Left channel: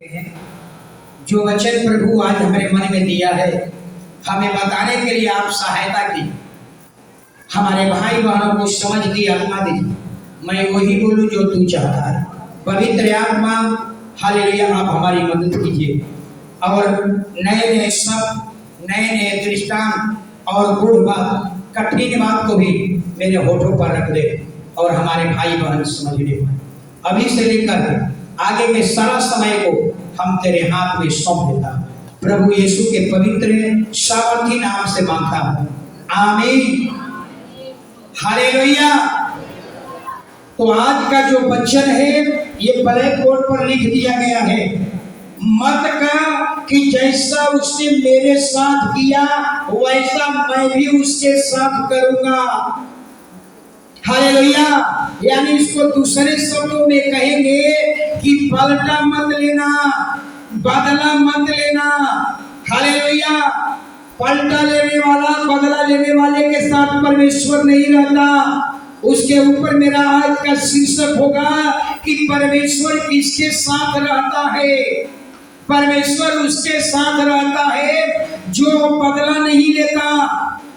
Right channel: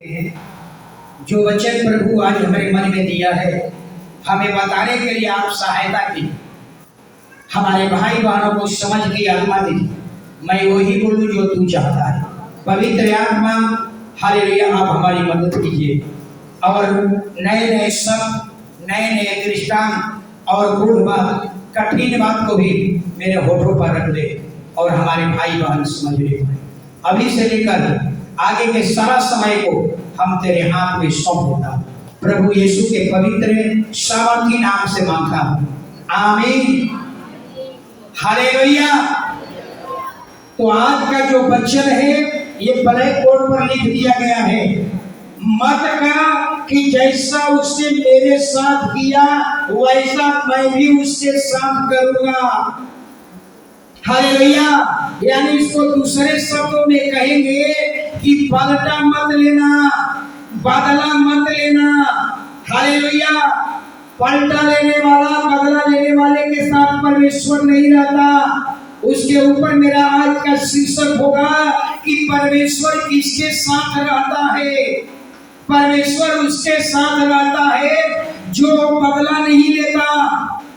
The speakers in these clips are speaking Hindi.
हैं। जो वचन प्रभु आज हमारे मन में दिया है, हमें बताने के लिए आप सहायता की, हमारे भाई बहनों को समझ की आत्मा दीजिए। मैं वही बोलूं जो तू चाहता है। पवित्र आत्मा, हालेलुया, आप हमारी मदद कीजिए और नए नए शब्द, नए नए दृष्टांत और गूढ़ बात, कठिन बात को भी मेरे होठों पर रख दे और हमारे भाई बहन समझने पाए। अभी से लेकर आगे के सारा समय को हम तेरे हाथ में सौंप देता, प्रभु यीशु के पवित्र सामर्थी नाम से मांगता हूं, आमीन, हालेलुया। तो आज का जो वचन है ये ब्लैक बोर्ड पर लिख दिया गया है। मत कर कि जैसा उसने मेरे साथ किया वैसा मैं भी उसके साथ करूंगा, हालेलुया। यानी इसको दूसरे शब्दों में कहेंगे कि पलटा मत लेना, बदला मत लेना, हालेलुया। पलटा लेने वाला, बदला लेने वाले के साथ परमेश्वर नहीं रहता। उसके ऊपर मेरा आज का शीर्षक होगा कि परमेश्वर किसके साथ रहता है। परमेश्वर उसके साथ रहता है जो बदला नहीं लेता,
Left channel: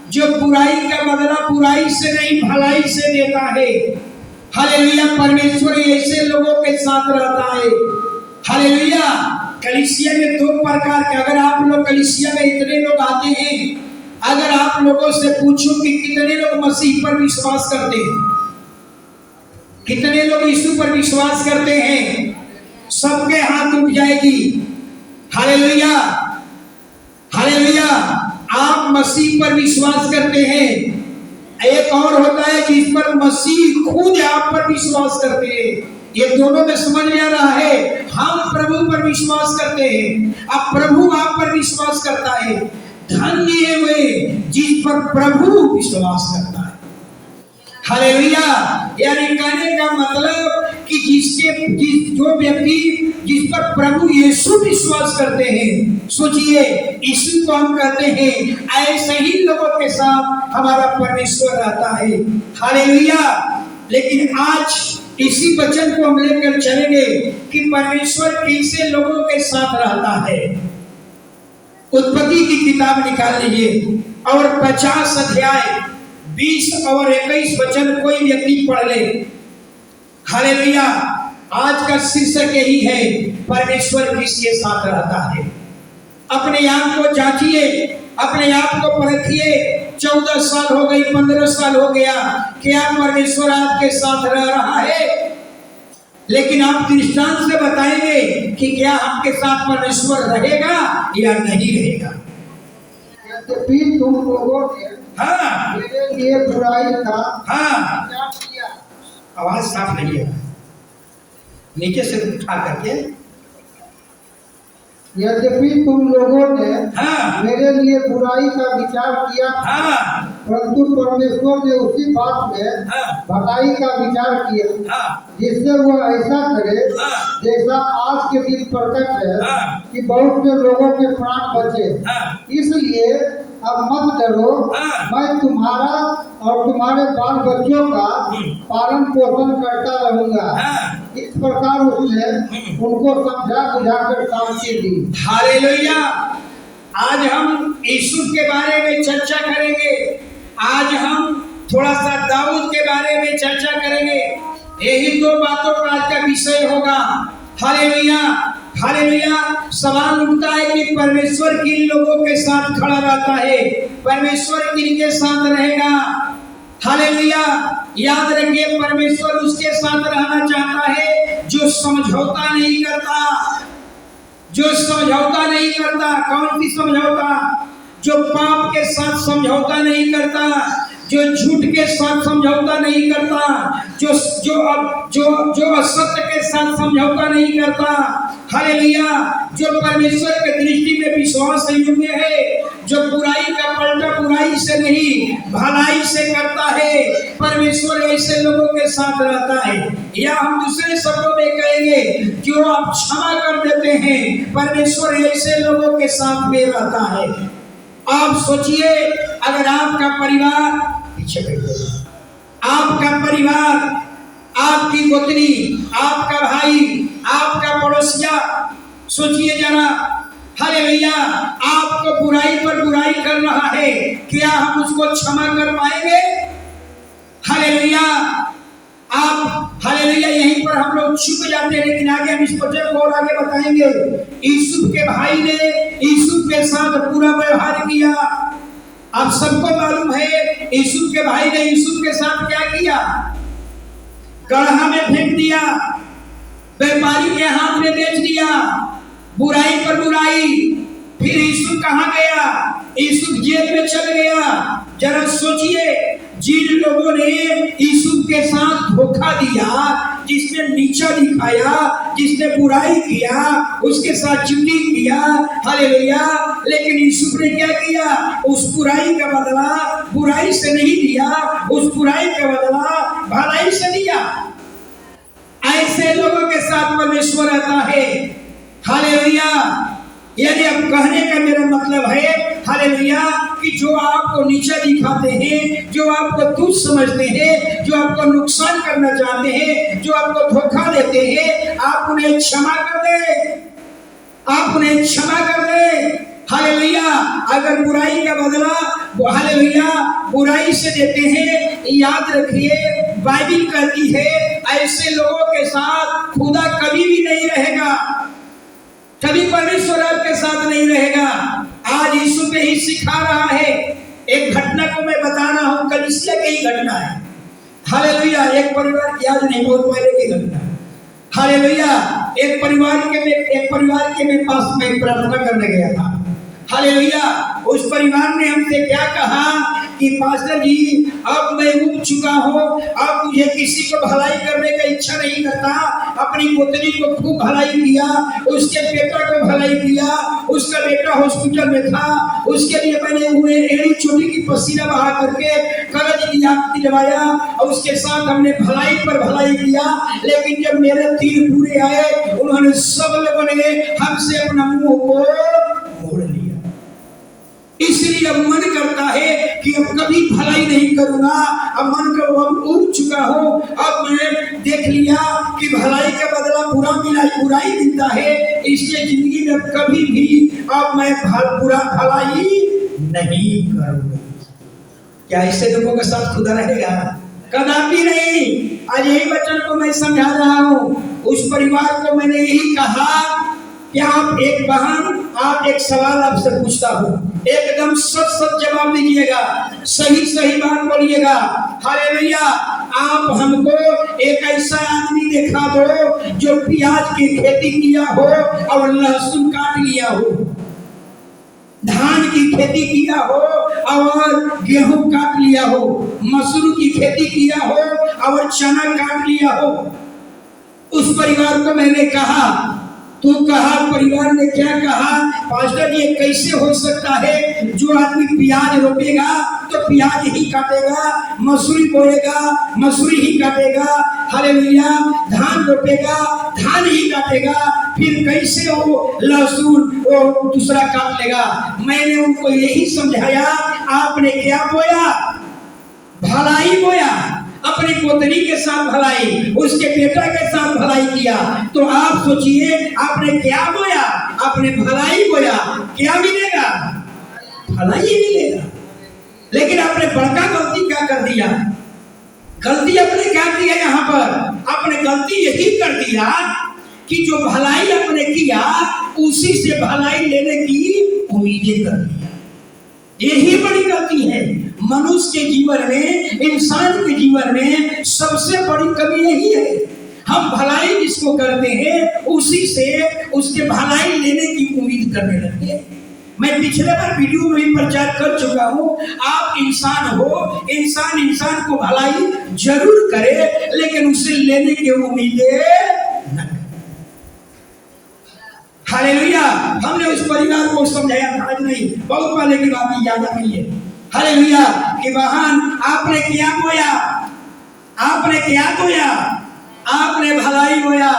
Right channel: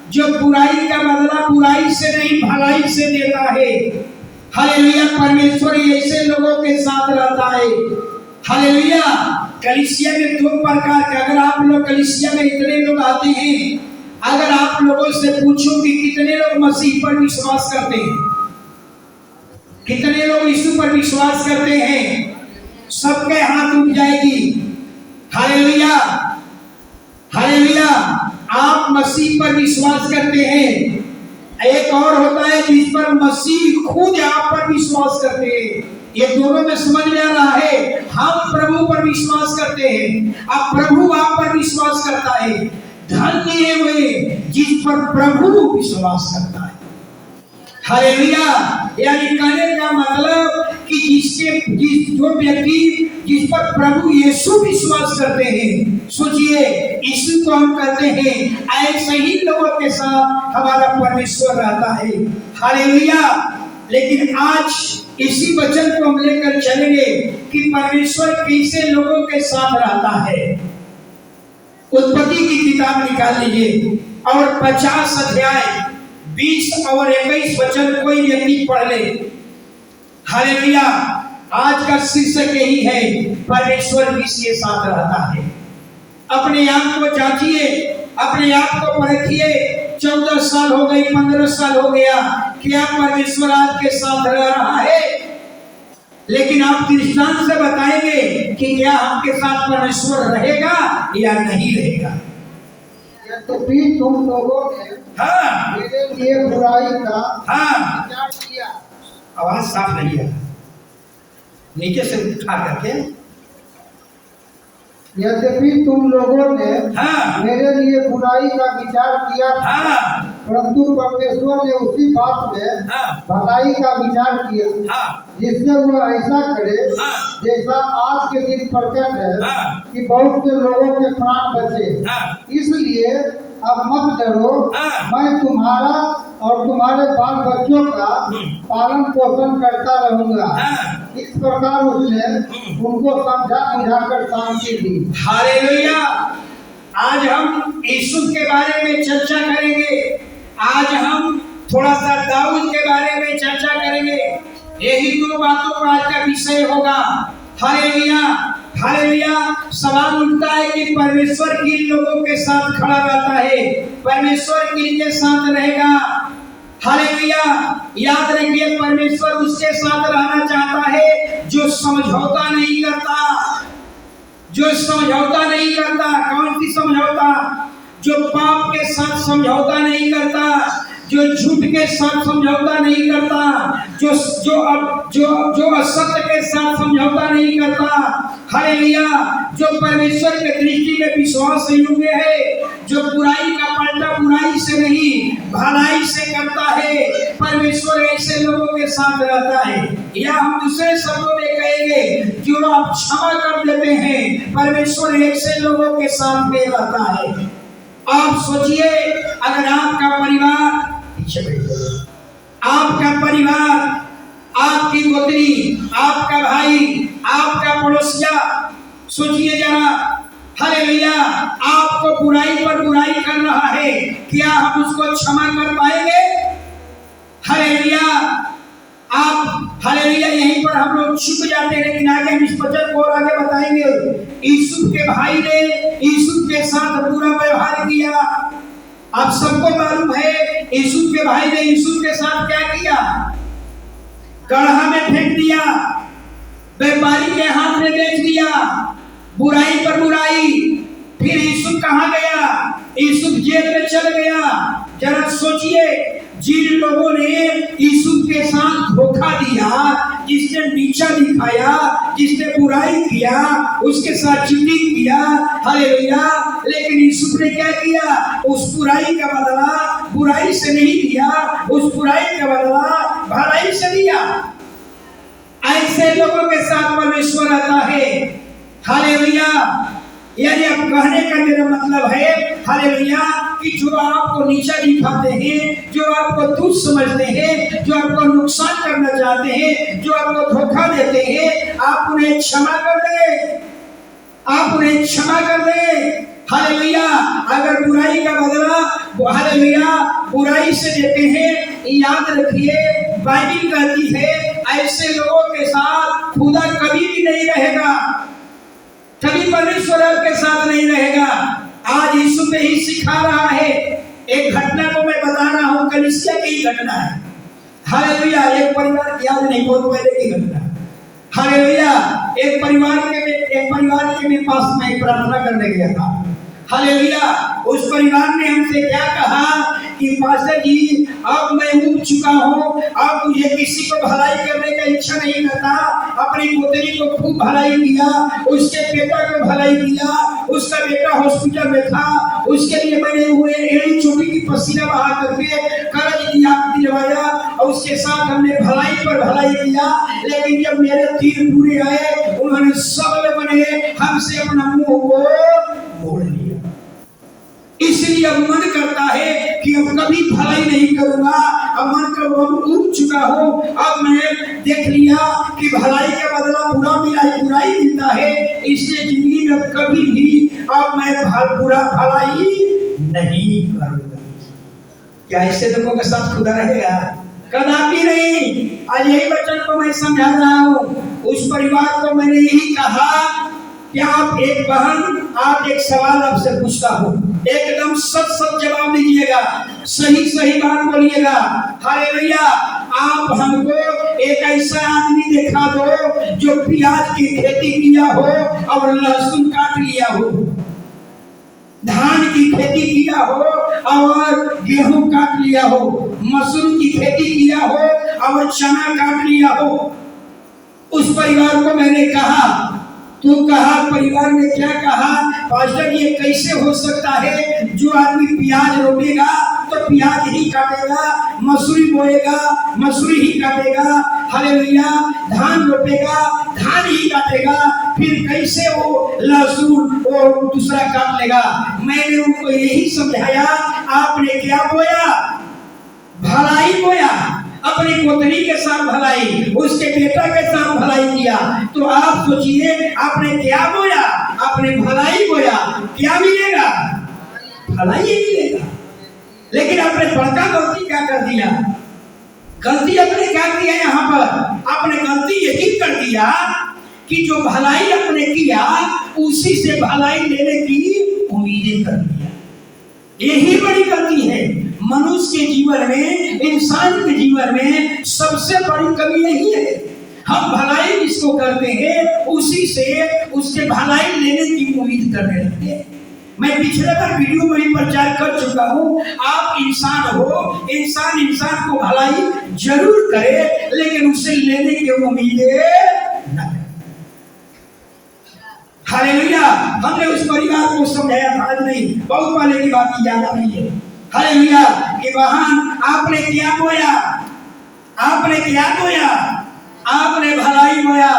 जो बुराई का बदला बुराई से नहीं भलाई से देता है, हालेलुया। परमेश्वर ऐसे लोगों के साथ रहता है, हालेलुया। कलीसिया में दो प्रकार के, अगर आप लोग कलीसिया में इतने लोग आते हैं, अगर आप लोगों से पूछूं कि कितने लोग मसीह पर विश्वास करते हैं, कितने लोग यीशु पर विश्वास करते हैं, सबके हाथ उठ जाएगी, हालेलुया, हालेलुया। आप मसीह पर विश्वास करते हैं। एक और होता है जिस पर मसीह खुद आप पर विश्वास करते हैं। ये दोनों में समझ में आ रहा है। हम प्रभु पर विश्वास करते हैं, अब प्रभु आप पर विश्वास करता है। धन्य है वे जिस पर प्रभु विश्वास करता है, हालेलुया। यानी कहने का मतलब कि जो व्यक्ति जिस पर प्रभु यीशु विश्वास करते हैं, सोचिए यीशु को हम कहते हैं, ऐसे ही लोगों के साथ हमारा परमेश्वर रहता है, हालेलुया। लेकिन आज इसी वचन को हम लेकर चलेंगे कि परमेश्वर कैसे लोगों के साथ रहता है। उत्पत्ति की किताब निकाल लीजिए और 50 अध्याय 20 और 21 वचन कोई व्यक्ति पढ़ ले, हालेलुया। आज का शीर्षक यही है, परमेश्वर किसके साथ रहता है। अपने आप को जांचिए, अपने आप को परखिए। 14 साल हो गई, 15 साल हो गया, क्या परमेश्वर आपके साथ रह रहा है? लेकिन आप दृष्टांत से बताएंगे कि क्या आपके साथ परमेश्वर रहेगा या नहीं रहेगा। यद्यपि तुम लोगों ने मेरे लिए बुराई का विचार किया। आवाज साफ नहीं है, नीचे से उठा करके। यद्यपि तुम लोगों ने मेरे लिए बुराई का विचार किया, परंतु परमेश्वर ने उसी बात में भलाई का विचार किया, जिससे वह ऐसा करे जैसा आज के दिन प्रकट है कि बहुत से लोगों के प्राण बचे। इसलिए अब मत डरो, मैं तुम्हारा और तुम्हारे बाल बच्चों का पालन पोषण करता रहूंगा। इस प्रकार उसने उनको समझा बुझाकर शांति दी, हालेलुया। आज हम यीशु के बारे में चर्चा करेंगे। आज हम थोड़ा सा दाऊद के बारे में चर्चा करेंगे। यही दो बातों का आज का विषय होगा, हालेलुया, हालेलुया। सवाल उठता है कि परमेश्वर किन लोगों के साथ खड़ा रहता है, परमेश्वर किनके साथ रहेगा, हालेलुया। याद रखिए, परमेश्वर उसके साथ रहना चाहता है जो समझौता नहीं करता, जो समझौता नहीं करता। कौन सी समझौता? जो पाप के साथ समझौता नहीं करता, जो झूठ के साथ समझौता नहीं करता, जो असत्य के साथ समझौता नहीं करता, हालेलुया। जो परमेश्वर के दृष्टि में विश्वास योग्य है, जो बुराई का पलटा बुराई से नहीं भलाई से करता है, परमेश्वर ऐसे लोगों के साथ रहता है। या हम दूसरे शब्दों में कहेंगे, जो आप क्षमा कर देते हैं, परमेश्वर ऐसे लोगों के साथ में रहता है। आप सोचिए, अगर आपका परिवार, पीछे बैठे, आपका परिवार, आपकी गोतनी, आपका भाई, आपका पड़ोसिया सोचिए जरा, हालेलुया, आपको बुराई पर बुराई कर रहा है, क्या हम उसको क्षमा कर पाएंगे? हालेलुया, आप हालेलुया, यहीं पर हम लोग चुप जाते हैं, लेकिन आगे हम इस वचन को और आगे बताएंगे। यूसुफ के भाई ने यूसुफ के साथ बुरा व्यवहार किया। आप सबको मालूम है यूसुफ के भाई ने यूसुफ के साथ क्या किया? गड्ढा में फेंक दिया, व्यापारी के हाथ में बेच दिया, बुराई पर बुराई। फिर यूसुफ कहाँ गया? यूसुफ जेल में चल गया। जरा सोचिए, जिन लोगों ने यूसुफ के साथ धोखा दिया, जिसने नीचा दिखाया, जिसने बुराई किया, उसके साथ चीटिंग किया, हालेलुया, लेकिन यूसुफ ने क्या किया? उस बुराई का बदला बुराई से नहीं दिया, उस बुराई का बदला भलाई से दिया। ऐसे लोगों के साथ परमेश्वर रहता है। हालेलुया, यानी अब कहने का मेरा मतलब है हालेलुया कि जो आपको नीचा दिखाते हैं, जो आपको तुच्छ समझते हैं, जो आपको नुकसान करना चाहते हैं, जो आपको धोखा देते हैं, आप उन्हें क्षमा कर दे, आप उन्हें क्षमा कर दे। हालेलुया, अगर बुराई का बदला हालेलुया बुराई से देते हैं, याद रखिए बाइबिल कहती है ऐसे लोगों के साथ खुदा कभी भी नहीं रहेगा, कभी परमेश्वर आपके साथ नहीं रहेगा। आज यीशु पे ही सिखा रहा है। एक घटना को मैं बता रहा हूं, कलीसिया की ही घटना है। हालेलुया, एक परिवार की, आज नहीं बहुत पहले की घटना है। हालेलुया, एक परिवार के मेरे पास में प्रार्थना करने गया था। हालेलुया, उस परिवार ने हमसे क्या कहा कि पास्टर जी अब मैं उब चुका हूँ, अब मुझे किसी को भलाई करने का इच्छा नहीं करता। अपनी पुत्री को खूब भलाई किया, उसके बेटा को भलाई किया, उसका बेटा हॉस्पिटल में था, उसके लिए मैंने हुए एड़ी चोटी की पसीना बहा करके कर्ज दिलवाया और उसके साथ हमने भलाई पर भलाई किया। लेकिन जब मेरे तीर पूरे आए, उन्होंने सब लोगों ने हमसे अपना मुंह को मोड़ लिया। इसलिए अब मन करता है कि अब कभी भलाई नहीं करूंगा। अब मन कर उब चुका हूँ। अब मैं देख लिया कि भलाई का बदला बुराई मिलता है, इसलिए जिंदगी में कभी भी अब मैं भलाई नहीं करूंगा। क्या ऐसे लोगों के साथ खुदा रहेगा? कदापि नहीं। आज यही वचन को मैं समझा रहा हूँ। उस परिवार को मैंने यही कहा कि आप एक बहन, आप एक सवाल आपसे पूछता हूँ, एकदम सच जवाब दीजिएगा, सही बात बोलिएगा। हालेलुया, आप हमको एक ऐसा आदमी दिखा दो जो प्याज की खेती किया हो और लहसुन काट लिया हो, धान की खेती किया हो और गेहूं काट लिया हो, मसूर की खेती किया हो और चना काट लिया हो। उस परिवार को मैंने कहा, तो कहा, परिवार ने क्या कहा? पास्टर ये कैसे हो सकता है? जो आदमी प्याज रोपेगा तो प्याज ही काटेगा, मसूरी बोएगा मसूरी ही काटेगा, हालेलुया, धान रोपेगा धान ही काटेगा, फिर कैसे वो लहसुन वो दूसरा काट लेगा? मैंने उनको यही समझाया, आपने क्या बोया? भलाई बोया, अपनी पुत्री के साथ भलाई, उसके बेटा के साथ भलाई किया। तो आप सोचिए आपने क्या बोया? आपने भलाई बोया, क्या मिलेगा? भलाई ही मिलेगा। लेकिन आपने बड़का गलती क्या कर दिया? गलती आपने क्या की है? यहाँ पर आपने गलती यही कर दिया कि जो भलाई आपने किया उसी से भलाई लेने की उम्मीदें कर दिया। यही बड़ी गलती है। मनुष्य के जीवन में, इंसान के जीवन में सबसे बड़ी कमी यही है। हम भलाई जिसको करते हैं उसी से उसके भलाई लेने की उम्मीद करने लगते हैं। मैं पिछले बार वीडियो में भी प्रचार कर चुका हूँ, आप इंसान हो, इंसान को भलाई जरूर करे, लेकिन उसे लेने की उम्मीदें न। हालेलुया, हमने उस परिवार को समझाया था, आज नहीं, बहुत पहले की बात, ज्यादा नहीं है। हालेलुया, कि बहन आपने क्या बोया? आपने क्या बोया? आपने भलाई बोया।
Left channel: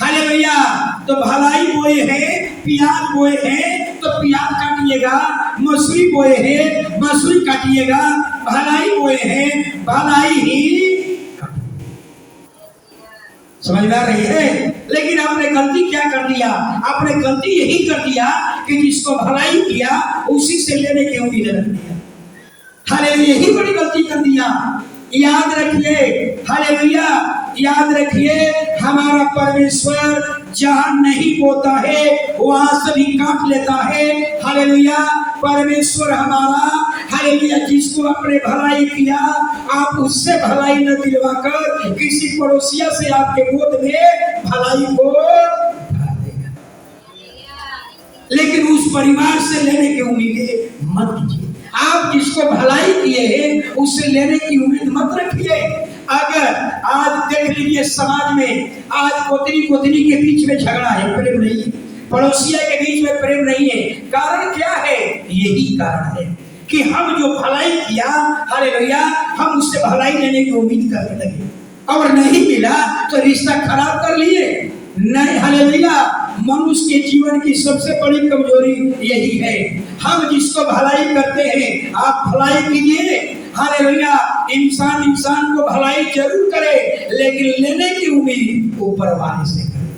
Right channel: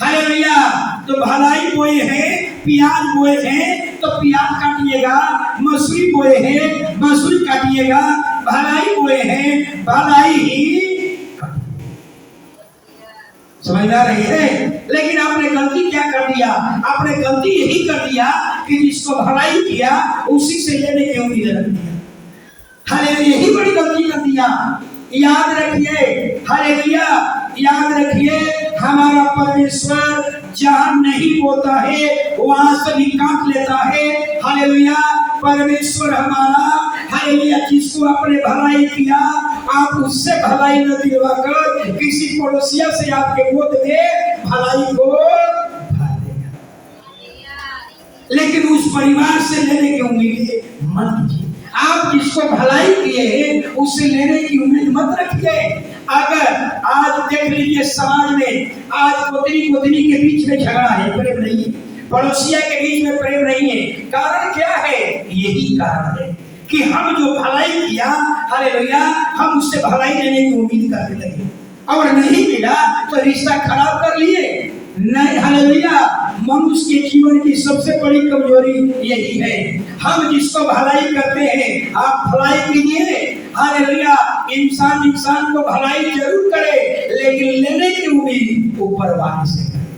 हालेलुया, तो भलाई बोए हैं, प्याज बोए हैं तो प्याज काटिएगा, मसूरी बोए हैं मसूरी काटिएगा, भलाई बोए हैं भलाई ही। समझ में आ रही है? लेकिन आपने गलती क्या कर दिया? आपने गलती यही कर दिया कि जिसको भलाई किया उसी से लेने की उम्मीद रख दिया। हालेलुया, यही बड़ी गलती कर दिया। याद रखिए, हालेलुया, याद रखिए, हमारा परमेश्वर जहां नहीं बोता है वहां से भी काट लेता है। हालेलुया, परमेश्वर हमारा, हालेलुया, जिसको आपने भलाई किया आप उससे भलाई न दिलवाकर किसी पड़ोसिया से आपके गोद में भलाई को भर देगा। लेकिन उस परिवार से लेने की उम्मीद मत कीजिए। आप जिसको भलाई किए हैं उससे लेने की उम्मीद मत रखिए। अगर आज देख लीजिए समाज में आज पोतनी पोतनी के बीच में झगड़ा है, प्रेम नहीं है, पड़ोसिया के बीच में प्रेम नहीं है, कारण क्या है? यही कारण है कि हम जो भलाई किया, हालेलुया, हम उससे भलाई लेने की उम्मीद करने लगे और नहीं मिला तो रिश्ता खराब कर लिए। नहीं, हालेलुया, मनुष्य के जीवन की सबसे बड़ी कमजोरी यही है। हम जिसको भलाई करते हैं आप भलाई कीजिए, हालेलुया, इंसान इंसान को भलाई जरूर करे लेकिन लेने की उम्मीद ऊपर वाले से करे।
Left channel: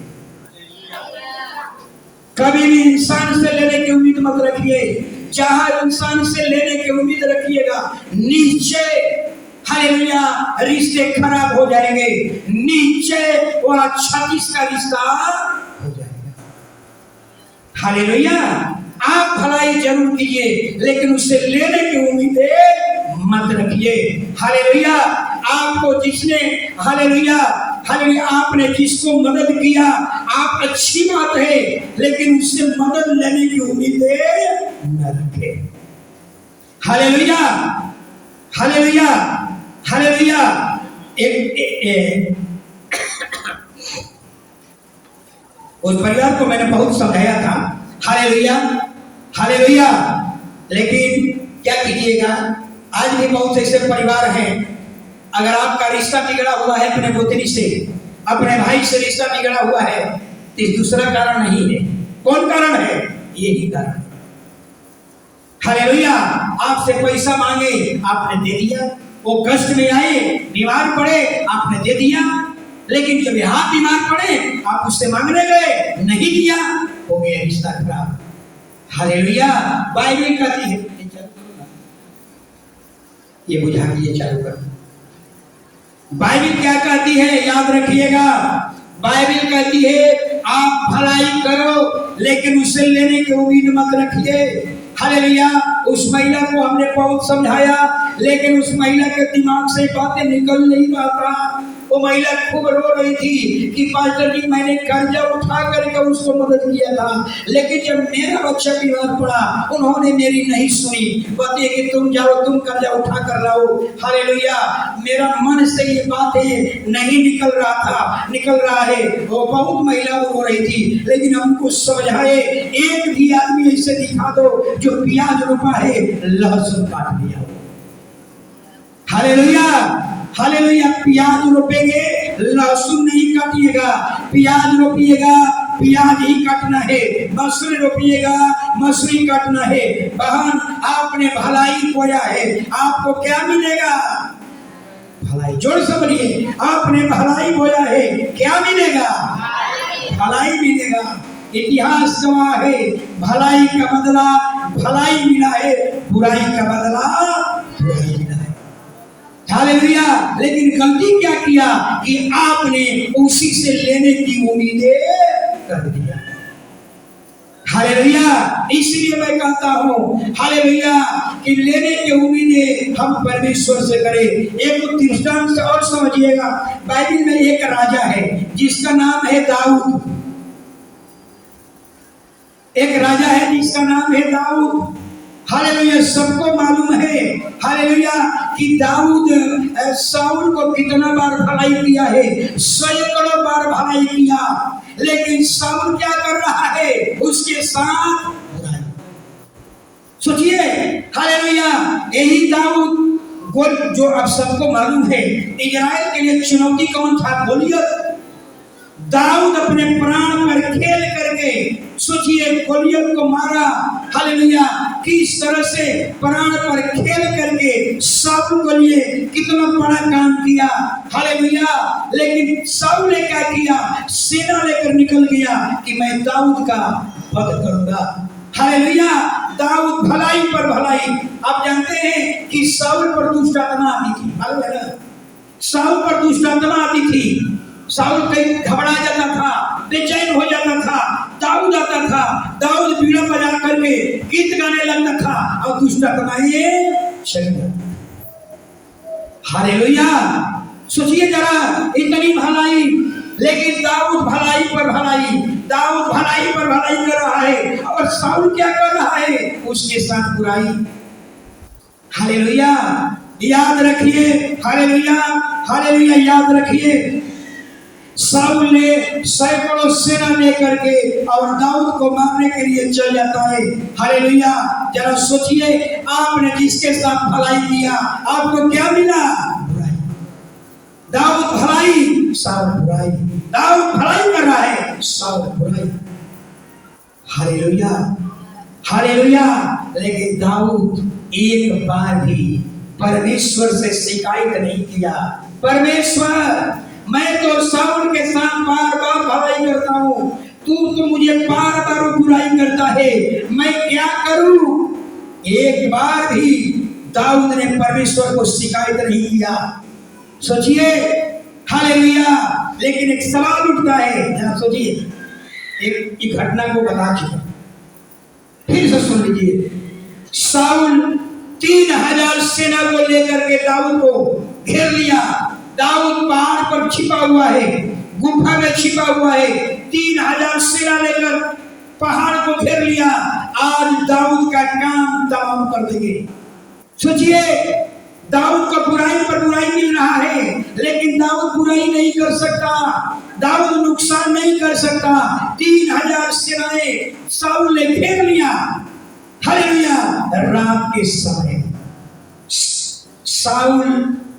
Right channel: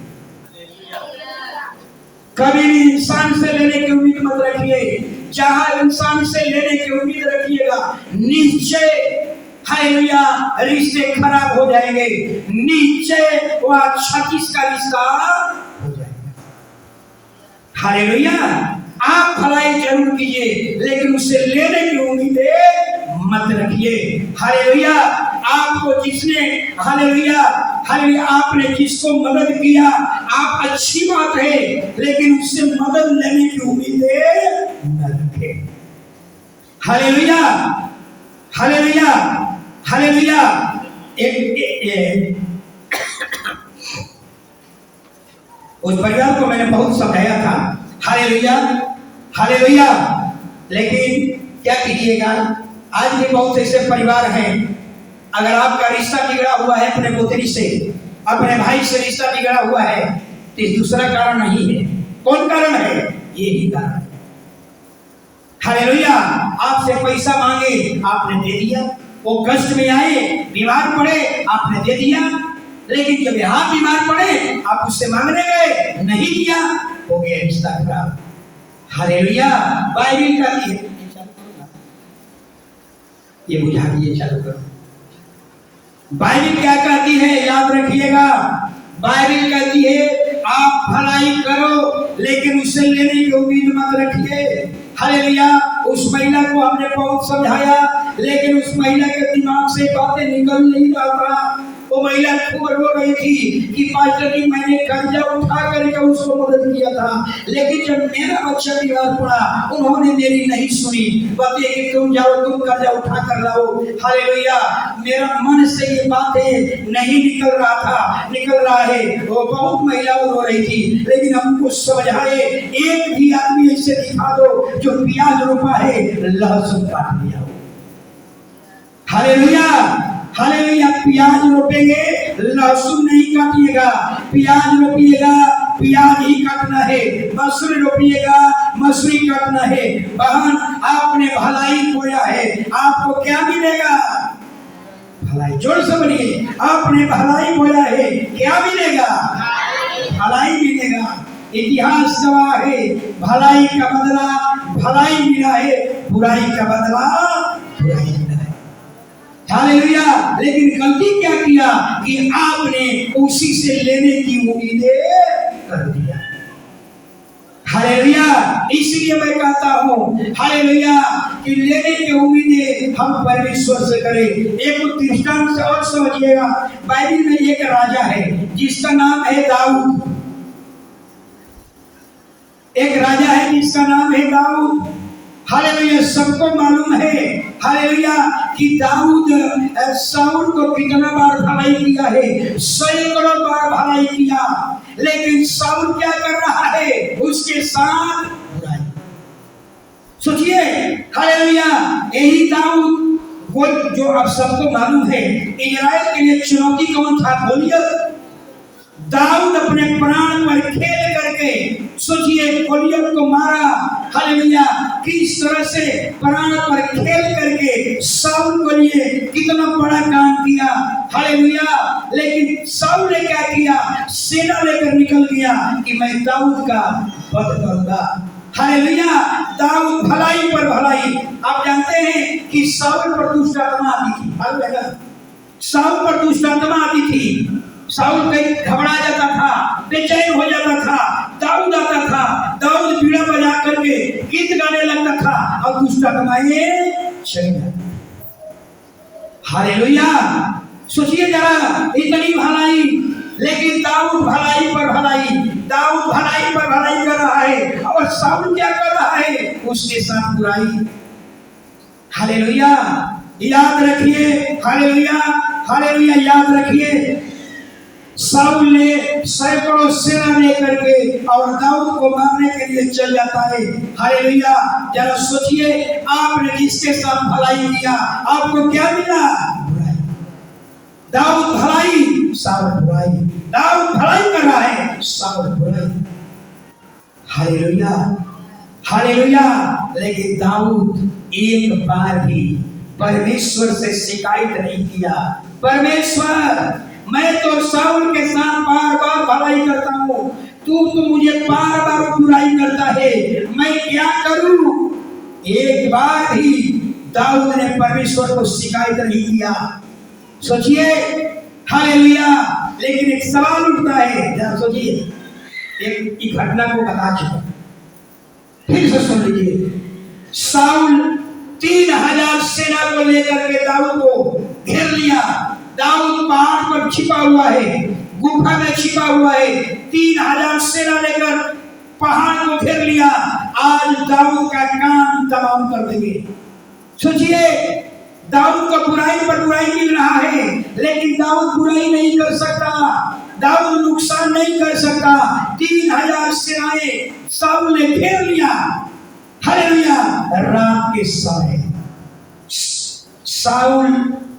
कभी भी इंसान से लेने की उम्मीद मत रखिए। जहां इंसान से लेने की उम्मीद रखिएगा नीचे, हालेलुया, रिश्ते खराब हो जाएंगे। नीचे वह 36 का रिश्ता हो जाएगा। हालेलुया, आप भलाई जरूर कीजिए लेकिन उससे लेने की उम्मीदें मत रखिए। हालेलुया, आपको जिसने, हालेलुया, हालेलुया, आपने जिसको मदद किया आप अच्छी बात है लेकिन उससे मदद लेने की उम्मीदें न रखें। हालेलुया, हालेलुया, हालेलुया, उस परिवार को मैंने बहुत समझाया था। हालेलुया, हालेलुया, लेकिन क्या कीजिएगा, आज भी बहुत ऐसे परिवार हैं, अगर आपका रिश्ता बिगड़ा हुआ है अपने पोतरी से, अपने भाई से रिश्ता बिगड़ा हुआ है तो दूसरा कारण नहीं है। कौन कारण है? यही कारण। हालेलुया, आपसे पैसा मांगे आपने दे दिया, वो कष्ट में आए बीमार पड़े आपने दे दिया, लेकिन जब आप बीमार पड़े आप उससे मांगने गए नहीं दिया, हो गया रिश्ता खराब। हालेलुया, बाइबल कहती है, ये बुझा के ये चालू करो। बाइबल क्या कहती है याद रखिएगा, बाइबल कहती है आप भलाई करो लेकिन उससे लेने की उम्मीद मत रखिए। हालेलुया, उस महिला को हमने बहुत समझाया लेकिन उस महिला के दिमाग से बातें निकल नहीं रहा था। वो महिला खूब रो रही थी कि पास्टर जी मैंने कर्जा उठा करके उसको मदद किया था लेकिन जब मेरा बच्चा बीमार पड़ा उन्होंने मेरी नहीं सुनी। बताइए कि तुम जाओ तुम कर्जा उठा कर लाओ। हालेलुया, मेरा मन से ये बातें नहीं निकल रहा था, निकल रहा है। वो बहुत महिला रो रही थी लेकिन हमको समझाए एक भी आदमी ऐसे दिखा दो जो प्याज रोपा है लहसुन काट लिया। हालेलुया, हालेलुया, प्याज रोपेंगे लहसुन नहीं काटिएगा, प्याज रोपिएगा प्याज ही काटना है, मसूरी रोपिएगा मसूरी काटना है। बहन आपने भलाई बोया है आपको क्या मिलेगा? भलाई। जोर से बोलिए, आपने भलाई बोया है क्या मिलेगा? भलाई मिलेगा। इतिहास गवाह है भलाई का बदला भलाई मिला है, बुराई का बदला बुराई मिला है। हालेलुया, लेकिन गलती क्या किया कि आपने उसी से लेने की उम्मीदें कर दिया। हालेलुया, इसलिए मैं कहता हूँ हालेलुया कि लेने की उम्मीदें हम परमेश्वर से करें। एक दृष्टांत से और समझिएगा, बाइबल में एक राजा है जिसका नाम है दाऊद। एक राजा है जिसका नाम है दाऊद। हालेलुया, सबको मालूम है हालेलुया कि दाऊद शाऊल को कितना बार भलाई किया है, सैकड़ों बार भलाई किया, लेकिन शाऊल क्या कर रहा है? उसके साथ बुराई। सोचिए हालेलुया, यही दाऊद जो अब सबको मालूम है इजराइल के लिए चुनौती कौन था? गोलियत। दाऊद अपने प्राण पर खेल करके सोचिए गोलियत को मारा। हालेलुया, किस तरह से प्राण पर खेल करके शाऊल के लिए कितना बड़ा काम किया। हालेलुया, लेकिन शाऊल ने क्या किया? सेना लेकर निकल गया कि मैं दाऊद का वध करूंगा। हालेलुया। दाऊद भलाई पर भलाई। आप जानते हैं कि साउल पर दुष्ट आत्मा आती थी, मालूम है ना? साउल पर दुष्ट आत्मा आती थी। साउल कहीं घबरा जाता था, बेचैन हो जाता था। दाऊद आता था, दाऊद बीड़ा बजा करके गीत गाने लगता था और दुष्ट आत्माएं चली जाती। हालेलुया। सोचिए जरा, इतनी भलाई, लेकिन दाऊद भलाई पर भलाई, दाऊद भलाई पर भलाई कर रहा है और साउल क्या कर रहा है? उसके साथ बुराई। हालेलुया। याद रखिए, हालेलुया, हालेलुया, याद रखिए, साउल ने सैकड़ों सेना लेकर के और दाऊद को मारने के लिए चल जाता है। हालेलुया। जरा सोचिए, आपने जिसके साथ भलाई किया आपको क्या मिला? बुराई। दाऊद भलाई, साउल बुराई। दाऊद भलाई कर रहा है, साउल बुराई। Hallelujah, hallelujah. लेकिन दाऊद एक बार भी परमेश्वर से शिकायत नहीं किया। परमेश्वर, मैं तो साउल के साथ बार बार भलाई करता हूँ, तू तो मुझे बार बार बुराई करता है, मैं क्या करूं? एक बार भी दाऊद ने परमेश्वर को शिकायत नहीं किया। सोचिए, हालेलुया। लेकिन एक सवाल उठता है, जरा सोचिए, एक घटना को बता चुका, फिर से सुन लीजिए। साउल 3000 सेना को लेकर के दाऊद को घेर लिया। दाऊद पहाड़ पर छिपा हुआ है, गुफा में छिपा हुआ है। 3000 सेना लेकर पहाड़ को घेर लिया। आज दाऊद का काम तमाम कर देंगे। सोचिए, दाऊद को बुराई पर बुराई मिल रहा है, लेकिन दाऊद बुराई नहीं कर सकता, दाऊद नुकसान नहीं कर सकता। 3000 सेनाएं साउल ने घेर लिया। हालेलुया। रात के समय साउल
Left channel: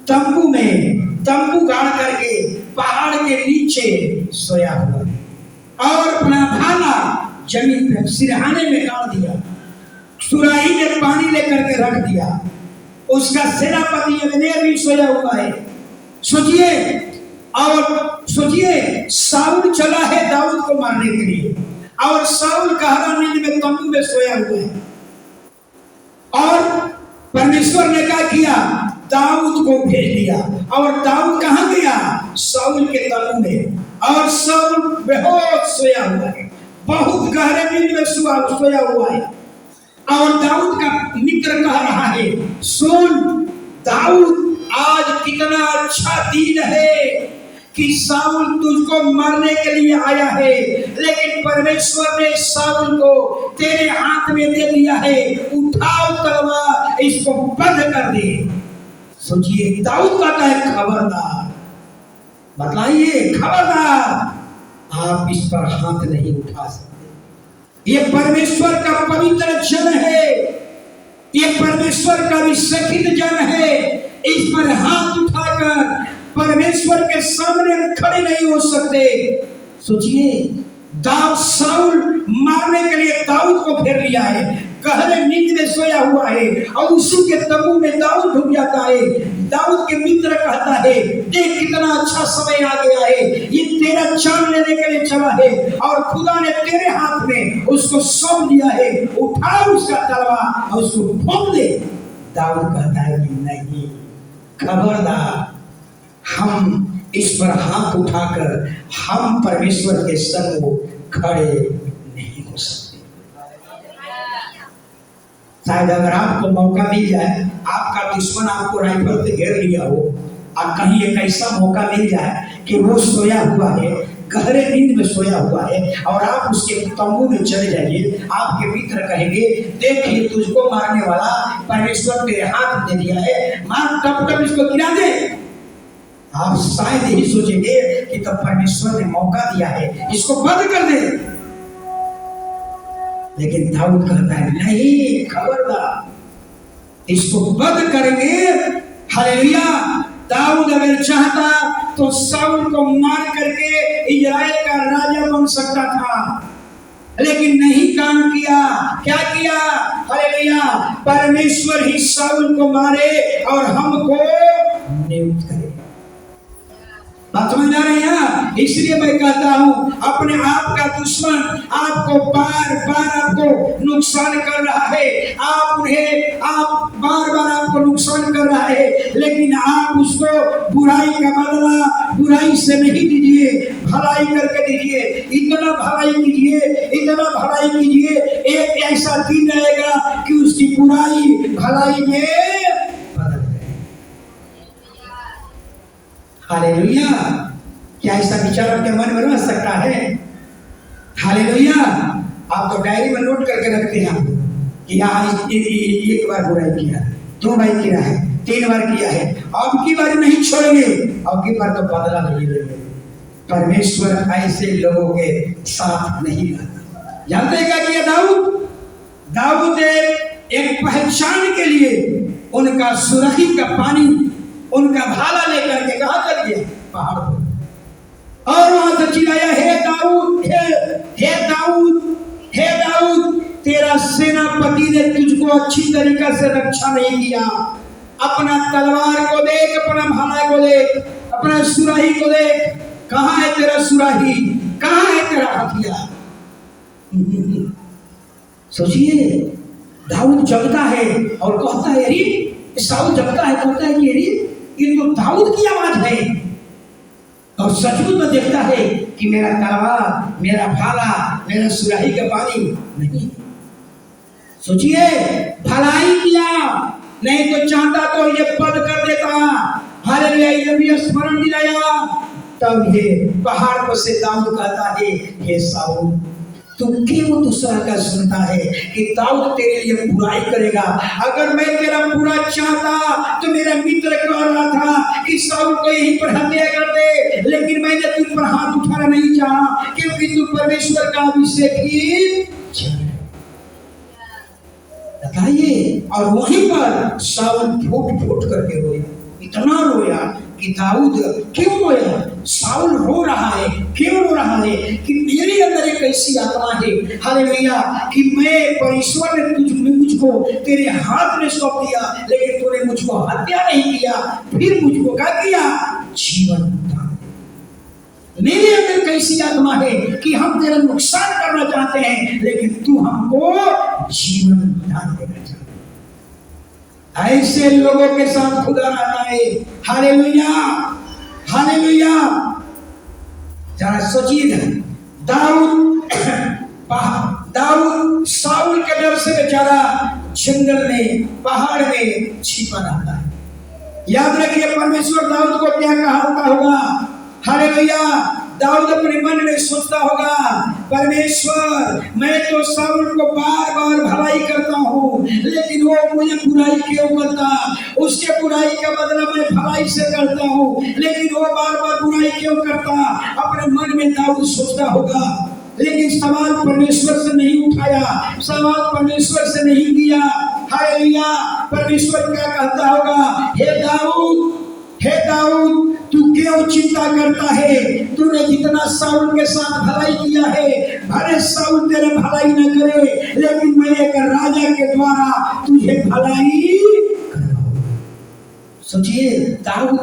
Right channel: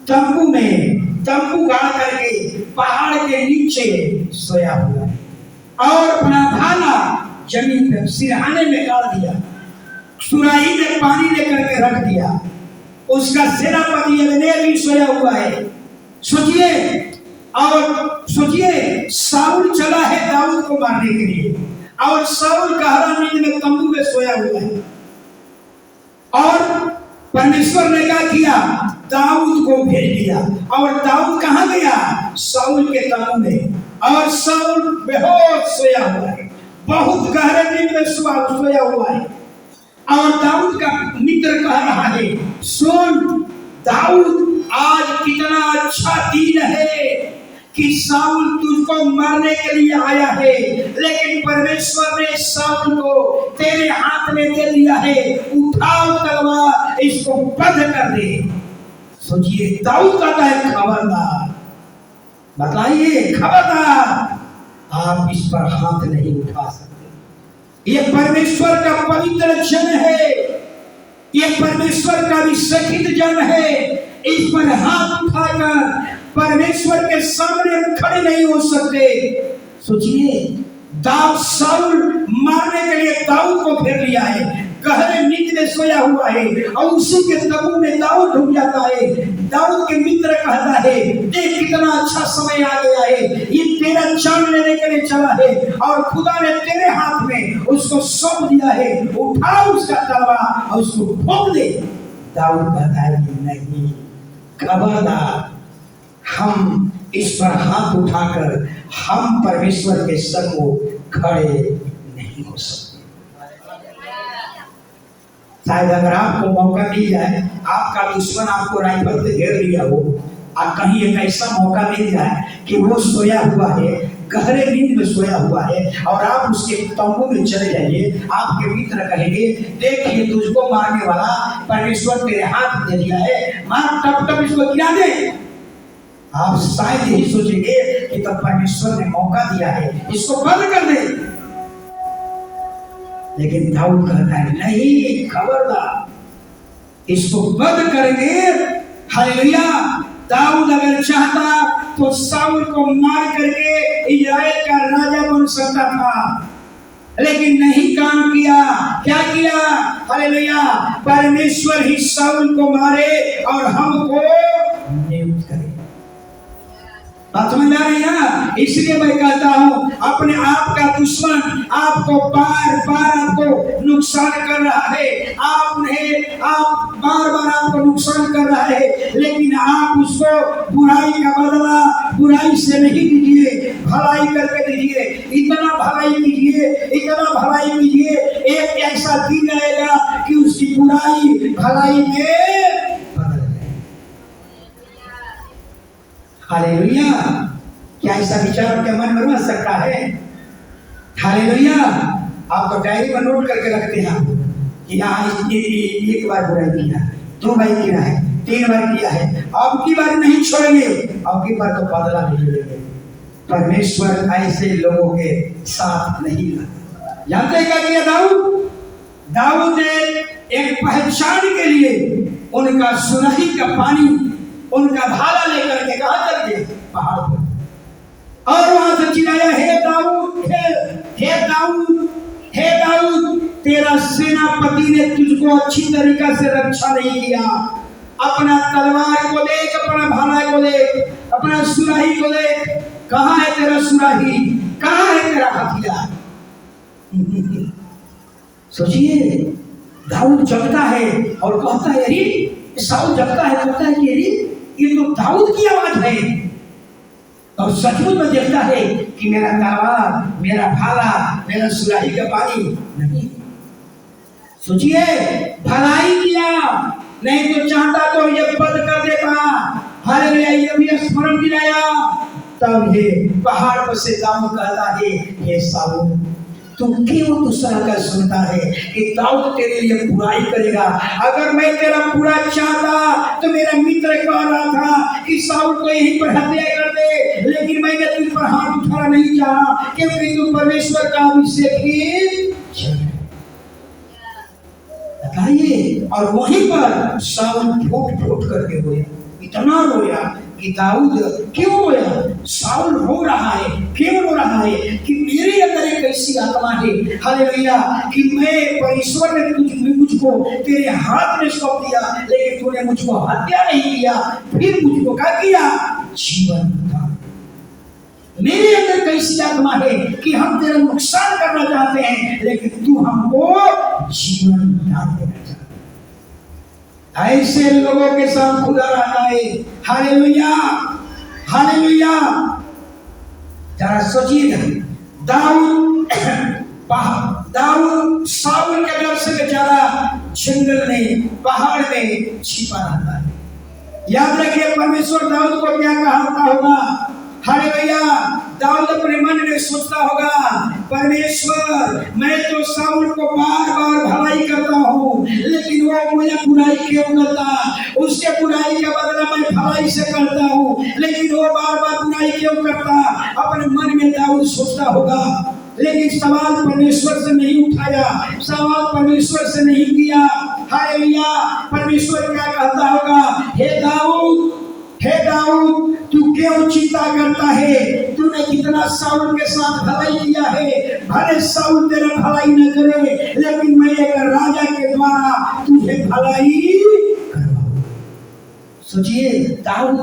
तंबू में तंबू गाड़ करके पहाड़ के नीचे सोया हुआ है और अपना भाला जमीन पे सिरहाने में गाड़ दिया, सुराही में पानी लेकर के रख दिया। उसका सेनापति अब्नेर भी सोया हुआ है। सोचिए, और सोचिए, साउल चला है दाऊद को मारने के लिए और साउल गहरा नींद में तंबू में सोया हुआ है। और परमेश्वर ने क्या किया? दाऊद को भेज दिया। और दाऊद कहां गया? साउल के तंबू में। और साउल बेहोश सोया हुआ है, बहुत गहरे नींद में सोया हुआ है। और दाऊद का मित्र कह रहा है, सुन दाऊद, आज कितना अच्छा दिन है कि साउल तुझको मारने के लिए आया है, लेकिन परमेश्वर ने साउल को तेरे हाथ में दे दिया है। उठाओ तलवार, इसको बंद कर दे। सोचिए, दाऊद कहता है, खबरदार, बताइए, खबरदार, आप इस पर हाथ नहीं उठा सकते। ये परमेश्वर का पवित्र जन है, ये परमेश्वर का विशुद्ध जन है। इस पर हाथ उठाकर परमेश्वर के सामने खड़े नहीं हो सकते। सोचिए, दाऊद साउल मारने के लिए दाऊद को घेर लिया है, गहरे नींद में सोया हुआ है और उसी के तंबू में दाऊद डूब जाता है। दाऊद के मित्र कहता है, देख कितना अच्छा समय आ गया है, ये तेरा जान लेने के लिए चला है और खुदा ने तेरे हाथ में उसको सौंप दिया है, उठा उसका तलवार और उसको ठोक दे। दाऊद कहता है कि नहीं, खबरदार, हम इस पर हाथ उठाकर हम परमेश्वर के संग खड़े नहीं हो सकते। शायद अगर आपको मौका मिल जाए, आपका दुश्मन आपको राइफल से घेर लिया हो, और कहीं एक ऐसा मौका मिल जाए कि वो सोया हुआ है, गहरे नींद में सोया हुआ है और आप उसके तंबू में चले जाइए, आपके मित्र कहेंगे, देखिए तुझको मारने वाला परमेश्वर तेरे हाथ दे दिया है, मार, टप टप इसको गिरा दे। आप शायद यही सोचेंगे कि तब परमेश्वर ने मौका दिया है, इसको बंद कर दे। लेकिन दाऊद कहता है, नहीं, खबरदार, इसको बंद करेंगे। हालेलुया। दाऊद अगर चाहता तो साउल को मार करके इस्राएल का राजा बन सकता था, लेकिन नहीं काम किया। क्या किया? हालेलुया। परमेश्वर ही साउल को मारे और हमको नियुक्त करे। बात समझ आ रही है? इसलिए मैं कहता हूँ अपने आप का दुश्मन आपको बार बार आपको नुकसान कर रहा है, आप बार बार आपको नुकसान कर रहा है, लेकिन आप उसको बुराई का बदला बुराई से नहीं दीजिए, भलाई करके दीजिए। इतना भलाई कीजिए, इतना भलाई कीजिए, एक ऐसा दिन आएगा कि उसकी बुराई भलाई में बदल जाए। हालेलुया। क्या ऐसा विचार आपके मन में बन सकता है? हालेलुया। आप तो डायरी में नोट करके रखते हैं आप कि हाँ एक बार बुराई किया, 2 बार किया है, 3 बार किया है, अब की बार नहीं छोड़ेंगे, अब की बार तो बदला नहीं लेंगे। परमेश्वर ऐसे लोगों के साथ नहीं रहता। जानते क्या किया दाऊद ने एक पहचान के लिए उनका सुराही का पानी, उनका भाला लेकर के कहां चल गया? पहाड़ पर, और वहां से चिल्लाया, हे दाऊद, हे दाऊद, हे दाऊद, तेरा सेनापति ने तुझको अच्छी तरीका से रक्षा नहीं किया। अपना तलवार को देख, अपना भाला को देख, अपना सुराही को देख, कहां है तेरा सुराही, कहां है तेरा हथियार? सोचिए, दाऊद जगता है और कहता है, अरे साउल जगता है, कहता है कि अरे ये तो दाऊद की आवाज है, और सचमुच में देखता है कि मेरा तलवार, मेरा भाला, मेरा सुराही का पानी नहीं। सोचिए, भलाई किया, नहीं तो चाहता तो ये बंद कर देता। हालेलुया। ये भी स्मरण दिलाया। तब ये पहाड़ पर से दाऊद कहता है, हे साउल, तू क्यों दूसरा का सुनता है कि दाऊद तेरे लिए बुराई करेगा? अगर मैं तेरा बुरा चाहता तो मेरा मित्र कह रहा था कि साउल को यहीं पर हत्या कर दे, लेकिन मैंने तुझ पर हाथ उठाना नहीं चाहा, क्योंकि तू परमेश्वर का अभिषेक ही बताइए। और वहीं पर साउल फूट फूट करके रोया, इतना रोया कि दाऊद क्यों रोया? साउल रो रहा है, क्यों रो रहा है? कि मेरे अंदर एक ऐसी आत्मा है, हालेलुया, कि मैं परमेश्वर ने मुझको तेरे हाथ में सौंप दिया, लेकिन तूने मुझको हत्या नहीं किया, फिर मुझको क्या किया? जीवन दान। मेरे अंदर कैसी आत्मा है कि हम तेरा नुकसान करना चाहते हैं, लेकिन तू हमको जीवन दान देना चाहता है। ऐसे लोगों के साथ खुदा रहता है। Hallelujah, hallelujah. जरा सोचिएगा, दाऊद साउल के डर से बेचारा जंगल में, पहाड़ में छिपा रहता है। याद रखिए, परमेश्वर दाऊद को क्या कहा होगा? हालेलुया। दाऊद अपने मन में सोचता होगा, परमेश्वर, मैं तो साउल को बार बार भलाई करता हूँ, लेकिन वो मुझे बुराई क्यों करता? उसके बुराई का बदला मैं भलाई से करता हूँ, लेकिन वो बार बार बुराई क्यों करता? अपने मन में दाऊद सोचता होगा। लेकिन सवाल परमेश्वर से नहीं उठाया, सवाल परमेश्वर से नहीं किया। हालेलुया। परमेश्वर क्या कहता होगा? हे दाऊद, हे दाऊद, तू क्यों चिंता करता है? तूने जितना साउल के साथ भलाई किया है, भले साउल तेरे भलाई न करे, लेकिन मैं एक राजा के द्वारा तुझे भलाई करवाऊंगा। सोचिए, दाऊद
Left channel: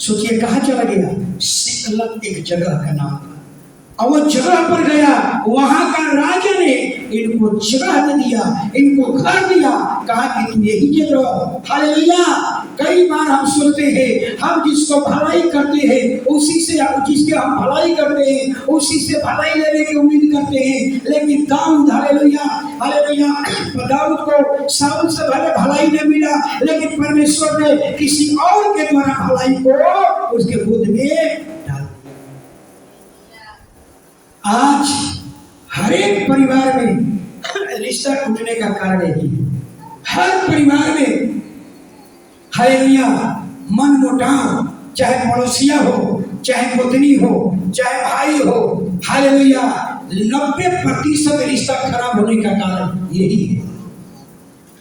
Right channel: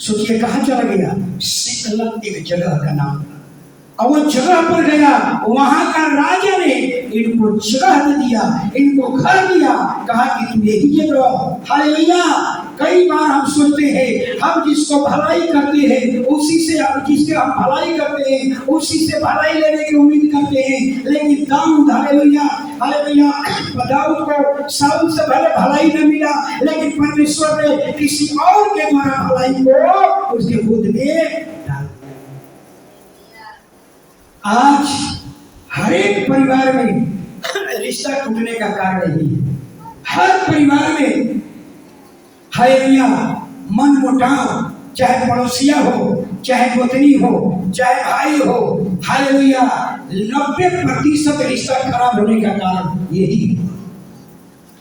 सोचिए कहाँ चला गया? सिकलग एक जगह का नाम था, और वो जगह पर गया, वहां का राजा ने इनको जगह दे दिया, इनको घर दिया, कहा कि तुम यही जगह। हालेलुया। कई बार हम सोचते हैं, हम जिसको भलाई करते हैं उसी से, जिसके हम भलाई करते हैं उसी से भलाई लेने की उम्मीद करते हैं, लेकिन दाऊद, हालेलुया, हालेलुया, दाऊद को साउल से भले भलाई न मिला, लेकिन परमेश्वर ने किसी और के द्वारा भलाई को उसके गोद में डाल दिया। आज हर एक परिवार में रिश्ता टूटने का कारण यही है। हर परिवार में, हालेलुया, मन मुटाव, चाहे पड़ोसिया हो, चाहे गोतनी हो, चाहे भाई हो, हालेलुया, 90% रिश्ता खराब होने का कारण यही है।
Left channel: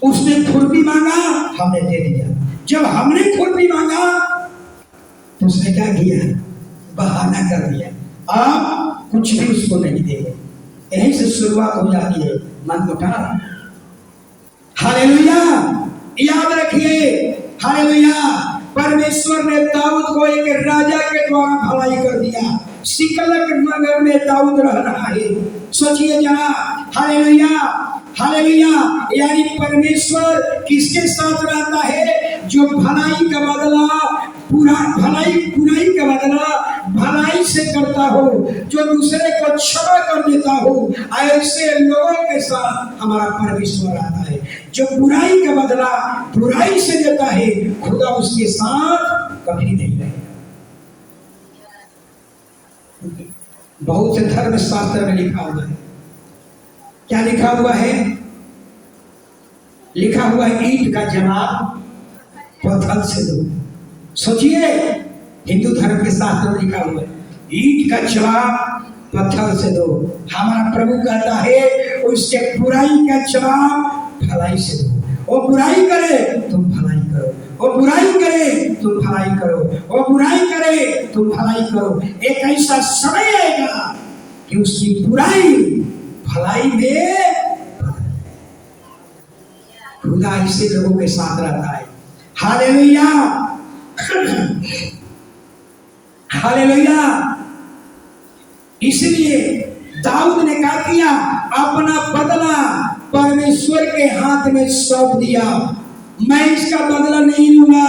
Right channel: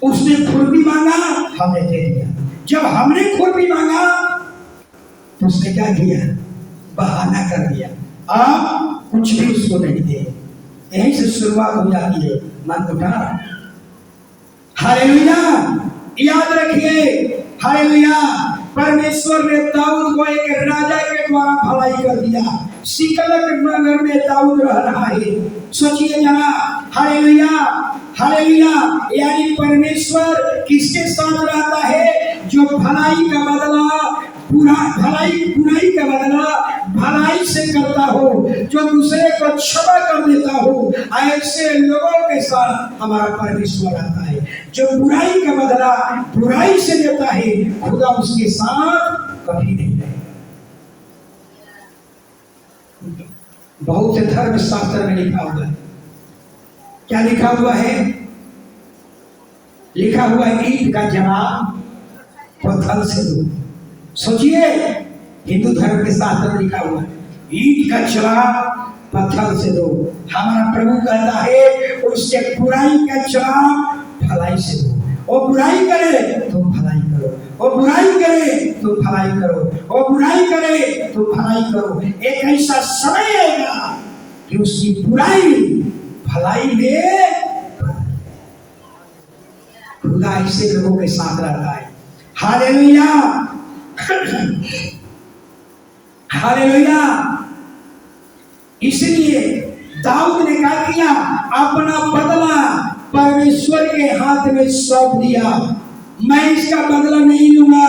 उसने खुरपी मांगा, हमने दे दिया। जब हमने खुरपी मांगा तो उसने क्या किया? बहाना कर दिया, आप कुछ भी उसको नहीं दे। यहीं से शुरुआत हो जाती है मन मुटाव। हालेलुया। याद रखिए, हालेलुया, परमेश्वर परमेश्वर ने दाऊद को एक राजा के द्वारा भलाई कर दिया। सिकलग नगर में दाऊद रह रहा है। सोचिए जरा, हालेलुया हालेलुया। यानी परमेश्वर किसके साथ रहता है? जो भलाई का बदला बुराई का बदला भलाई से करता हो, जो दूसरे को क्षमा कर देता हो, ऐसे लोगों के साथ हमारा परमेश्वर रहता है। जो बुराई का बदला बुराई से देता है, खुदा उसके साथ कभी नहीं रहेगा। बहुत से धर्म शास्त्र में लिखा हुआ है। क्या लिखा हुआ है? लिखा हुआ है, ईंट का जवाब पत्थर से दो। सोचिए, हिंदू धर्म के शास्त्र में लिखा हुआ है, ईंट का जवाब पत्थर से दो। हमारा प्रभु कहता है, उसके बुराई का जवाब भलाई से दो। वो बुराई करे तो भलाई करो, वो बुराई करे तो भलाई करो, वो बुराई करे तो भलाई करो। एक ऐसा समय आएगा कि उसकी बुराई भलाई में खुदा ऐसे लोगों के साथ रहता है। Hallelujah hallelujah. इसलिए दाऊद ने क्या किया? अपना बदला परमेश्वर के हाथ में सौंप दिया। मैं इसका बदला नहीं लूंगा।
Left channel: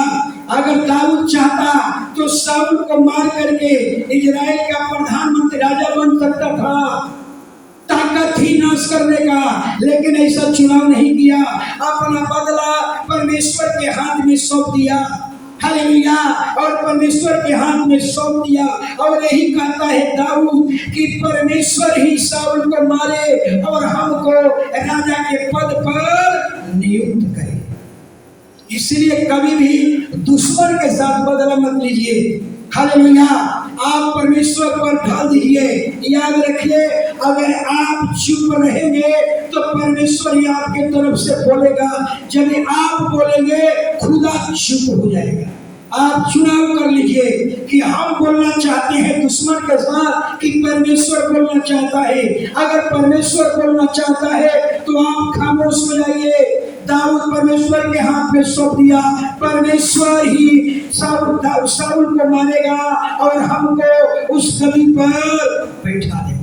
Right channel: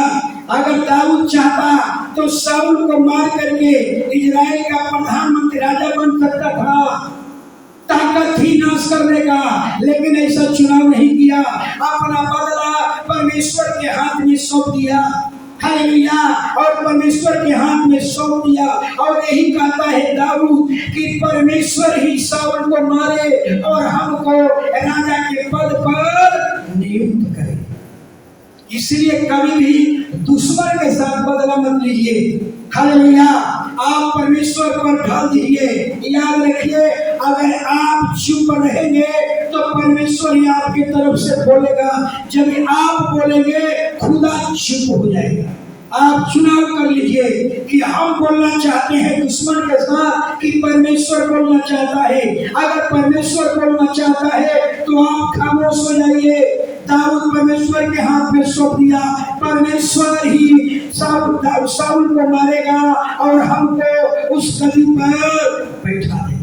अगर दाऊद चाहता तो शाऊल को मार करके इजराइल का प्रधानमंत्री राजा बन सकता था, ताकत थी नाश करने का, लेकिन ऐसा चुनाव नहीं किया। अपना बदला परमेश्वर के हाथ में सौंप दिया। हालेलुया। और परमेश्वर के हाथ में सौंप दिया। और यही कहता है दाऊद कि परमेश्वर ही शाऊल को मारे और हमको राजा के पद पर नियुक्त करे। इसलिए कभी भी दुश्मन के साथ बदला मत लीजिए। हालेलुया। आप परमेश्वर पर ढाल दीजिए। याद रखिए, अगर आप चुप रहेंगे तो परमेश्वर ही आपके तरफ से बोलेगा। जब आप बोलेंगे, खुदा चुप हो जाएगा। आप चुनाव कर लीजिए कि हम बोलना चाहते हैं दुश्मन के साथ कि परमेश्वर बोलना चाहता है। अगर परमेश्वर बोलना चाहता है तो आप खामोश हो जाइए। दाऊद परमेश्वर के हाथ में सौंप दिया। परमेश्वर ही शाऊल को मारेगा और हमको उस गद्दी पर बैठा देगा।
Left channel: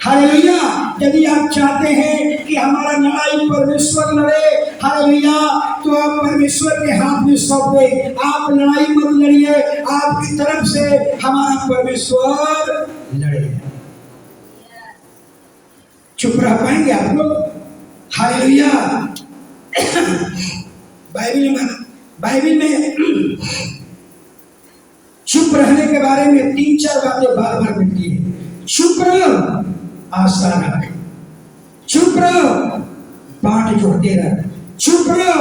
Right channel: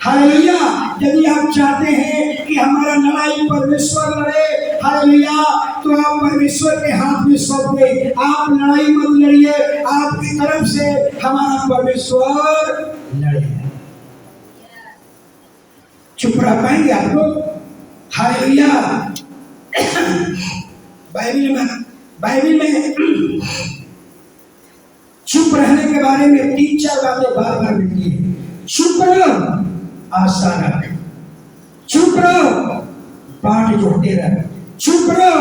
हालेलुया। यदि आप चाहते हैं कि हमारा लड़ाई परमेश्वर लड़े, हालेलुया, तो आप परमेश्वर के हाथ में सौंप दें। आप लड़ाई मत लड़िए, आपकी तरफ से हमारा परमेश्वर लड़े। चुप रह पाएंगे आप लोग? हालेलुया। बाइबल में चुप रहने के बारे में 3-4 बातें बार बार मिलती है। चुप रहो, आशा रख। चुप रहो, बाट जोड़ते रह। चुप रहो,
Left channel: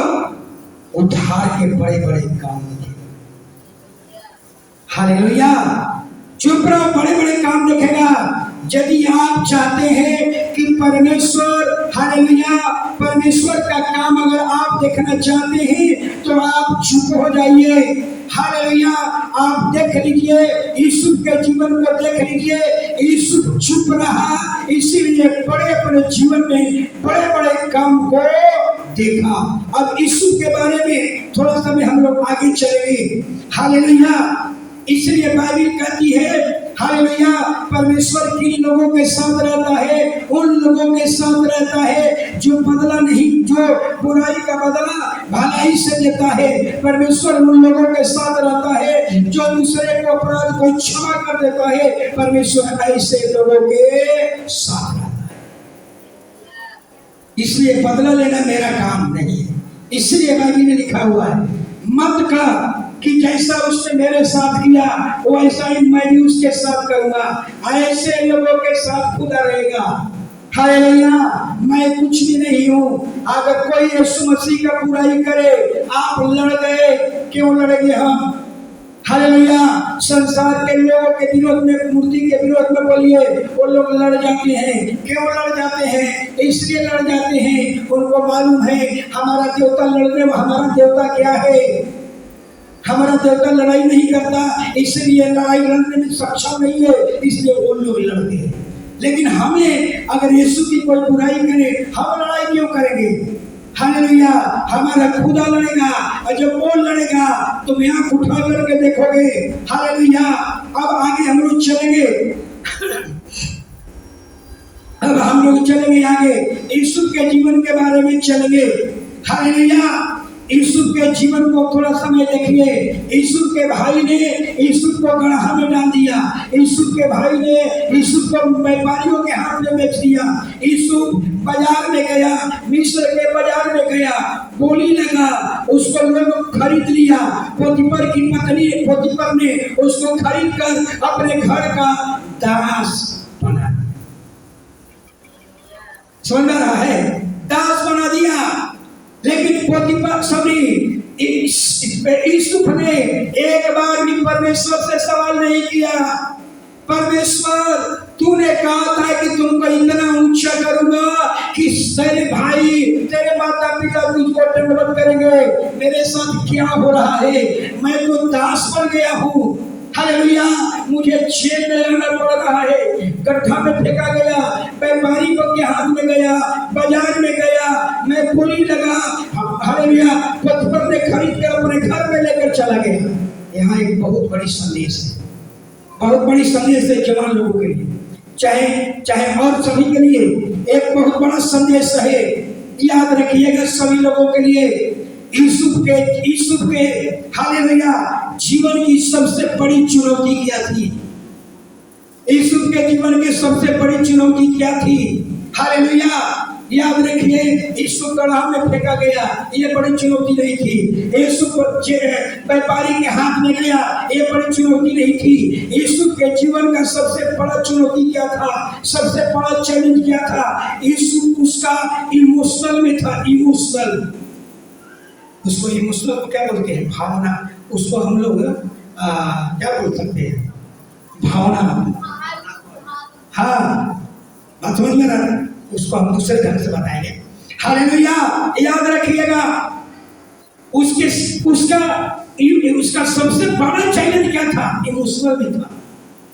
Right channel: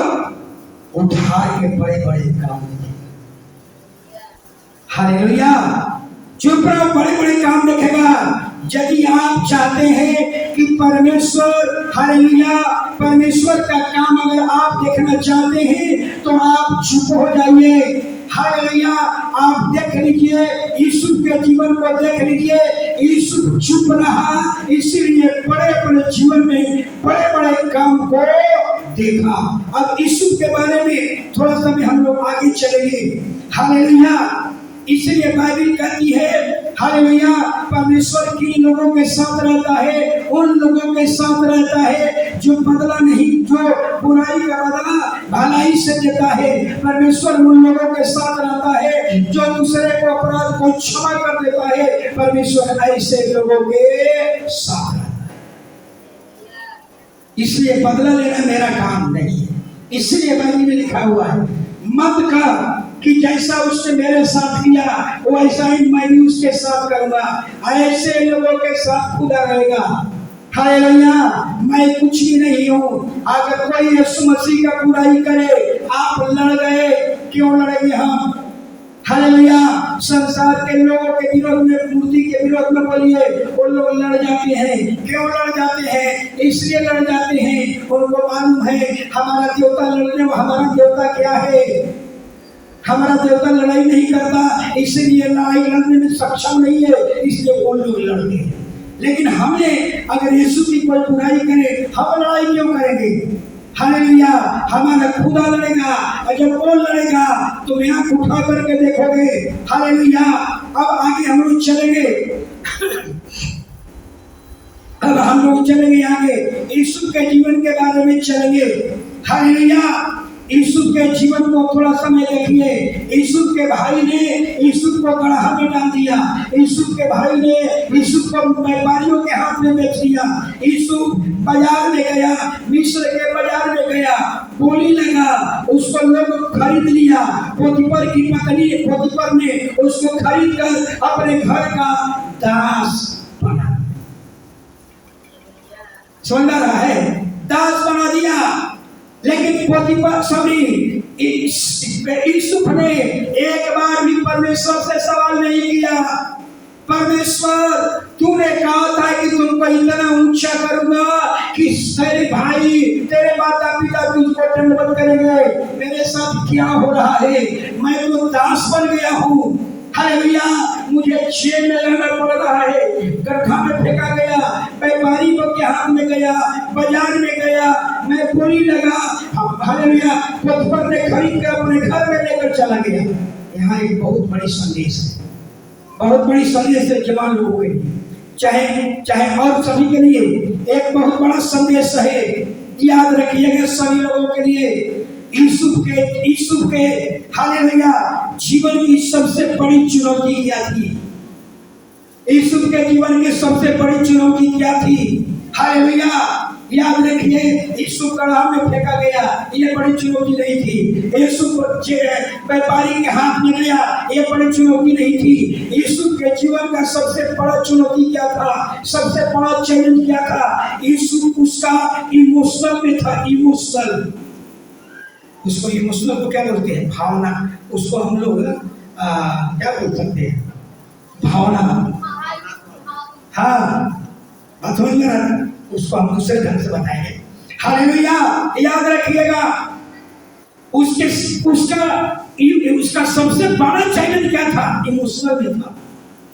उद्धार के बड़े बड़े काम देखेगा। हालेलुया। चुप रहो, बड़े बड़े काम देखेगा। यदि आप चाहते हैं कि परमेश्वर, हालेलुया, परमेश्वर का काम अगर आप देखना चाहते हैं तो आप चुप हो जाइए। हालेलुया। आप देख लीजिए, यूसुफ के जीवन को देख लीजिए। यूसुफ चुप रहा, इसीलिए बड़े बड़े जीवन में बड़े बड़े काम को देखा। अब यूसुफ के बारे में थोड़ा सा भी हम लोग आगे चलेंगे। हालेलुया। इसलिए बाइबल कहती है, हालेलुया, परमेश्वर किन लोगों के साथ रहता है? उन लोगों के साथ रहता है जो बदला नहीं, जो बुराई का बदला भलाई से देता है। परमेश्वर उन लोगों के साथ रहता है जो दूसरे को अपराध को क्षमा कर देता है। परमेश्वर ऐसे लोगों के साथ रहता है। इसलिए बदला लेना मेरा काम नहीं है। इसलिए बाइबल में लिखा हुआ है, मत कर कि जैसा उसने मेरे साथ किया वैसा ही मैं भी उसके साथ करूंगा। ऐसे लोगों के साथ खुदा रहेगा। हालेलुया। मैं कुछ भी नहीं हूँ। अगर कोई यीशु मसीह का बुराई करे, आप लड़ गए, क्यों लड़ेंगे हम? हालेलुया। संसार के लोगों के विरोध में, मूर्ति के विरोध में बोलिए, वो लोग लड़ जाते हैं। क्यों लड़ जाते हैं? इसलिए लड़ जाते हैं, उनको मालूम है हमारा देवता हमारा देवता क्या है। हमारा देवता लड़ाई नहीं करता, इसलिए लड़ाई लड़ने में सक्षम नहीं है, इसलिए वो लोग लड़ते हैं। लेकिन हमें अगर यीशु की कोई बुराई करे, हम लड़ाई क्यों करेंगे? हालेलुया, हमारा खुदा लड़ेगा, और जब वो लड़ेगा तुम आंख उठा करके देखोगे। हालेलुया, अब आगे हम लोग चलेंगे, अब हम लोग चलेंगे आगे, यीशु के जीवन के बारे में चलेंगे। हालेलुया, यीशु के जीवन को थोड़ा समय देखिए। यीशु के भाई ने यीशु को गड्ढा में डाल दिया, यीशु के भाई ने यीशु को व्यापारियों के हाथ में बेच दिया। यीशु बाजार में गया, मिस्र के बाजार में गया, बोली लगा, उसको लोग खरीद लिया। पोतीफर की पत्नी पोतीफर ने उसको खरीद कर अपने घर का दास बना, समझ रहा है, दास बना दिया। लेकिन पोतीफर यूसुफ ने एक बार भी परमेश्वर से सवाल नहीं किया, परमेश्वर तूने कहा था कि तुमको इतना ऊंचा करूंगा कि तेरे भाई तेरे माता पिता तुझको दंडवत करेंगे, मेरे साथ क्या हो रहा है, मैं तो दास बन गया हूँ। हालेलुया, मुझे जेल में रहना पड़ रहा है, गड्ढा में फेंका गया, व्यापारी के हाथ में गया, बाजार में गया, मैं बोली लगा। हालेलुया, पोतीफर ने खरीद कर अपने घर में लेकर चला गया। यहाँ एक बहुत बड़ी संदेश है, बहुत बड़ी संदेश है जवान लोगों के लिए, चाहे और सभी के लिए एक बहुत बड़ा संदेश है। याद रखिएगा सभी लोगों के लिए, यूसुफ के हालेलुया जीवन की सबसे बड़ी चुनौती क्या थी? यूसुफ के जीवन की सबसे बड़ी चुनौती क्या थी? हालेलुया, याद रखिए, यूसुफ गड्ढा में फेंका गया, ये बड़ी चुनौती नहीं थी। यूसुफ व्यापारी के हाथ में गया, ये बड़ी चुनौती नहीं थी। यूसुफ के जीवन का सबसे बड़ा चुनौती क्या था? सबसे बड़ा चैलेंज क्या था? यूसुफ उसका इमोशनल में था, इमोशनल, उसको इमोशनल को क्या बोलते हैं? भावना। उसको हम लोग क्या बोल सकते हैं? भावना। हाँ, बात समझ में आ रहा है? उसको हम दूसरे ढंग से बताएंगे। हालेलुया, याद रखिएगा, उसका सबसे बड़ा चैलेंज क्या था? इमोशनल में था।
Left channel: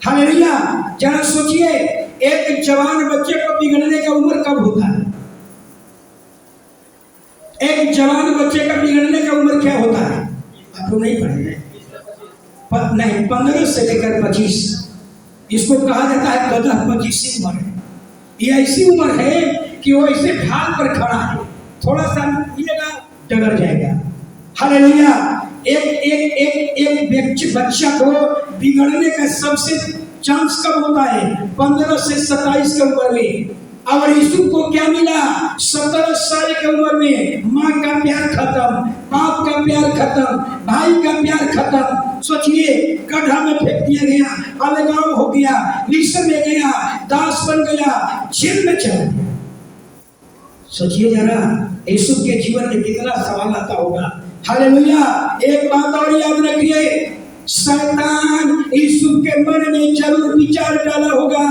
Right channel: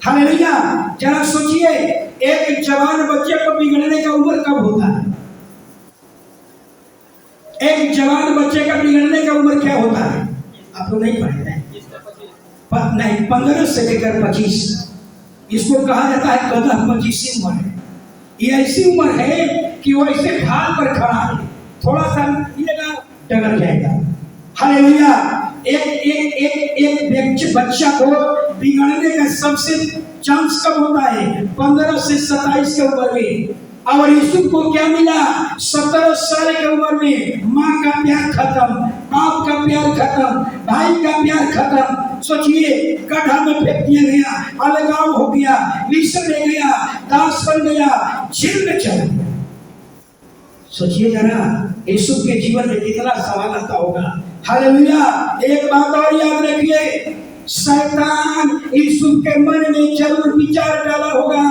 हालेलुया, जरा सोचिए, एक जवान बच्चे को बिगड़ने का उम्र कब होता है? एक जवान बच्चे का बिगड़ने का उम्र क्या होता है? आप लोग नहीं पढ़े हैं? नहीं, 15 से लेकर 25, इसको कहा जाता है गधा 25 उम्र है। ये ऐसी उम्र है कि वो ऐसे भाग पर खड़ा है, थोड़ा सा मिलेगा डगर जाएगा। हालेलुया, एक बच्चा को बिगड़ने का सबसे चांस कब होता है? 15 से 27 के उम्र में। और यूसुफ को क्या मिला? 17 साल की उम्र में माँ का प्यार खत्म, बाप का प्यार खत्म, भाई का प्यार खत्म। सोचिए, गड्ढा में फेंक दिया गया, अलगाव हो गया, मिस्र में गया, दास बन गया, जेल में चला गया। सोचिए जरा, यूसुफ के जीवन में कितना सवाल आता होगा। हालेलुया, एक बात और याद रखिए, शैतान यूसुफ के मन में जरूर विचार डाला होगा।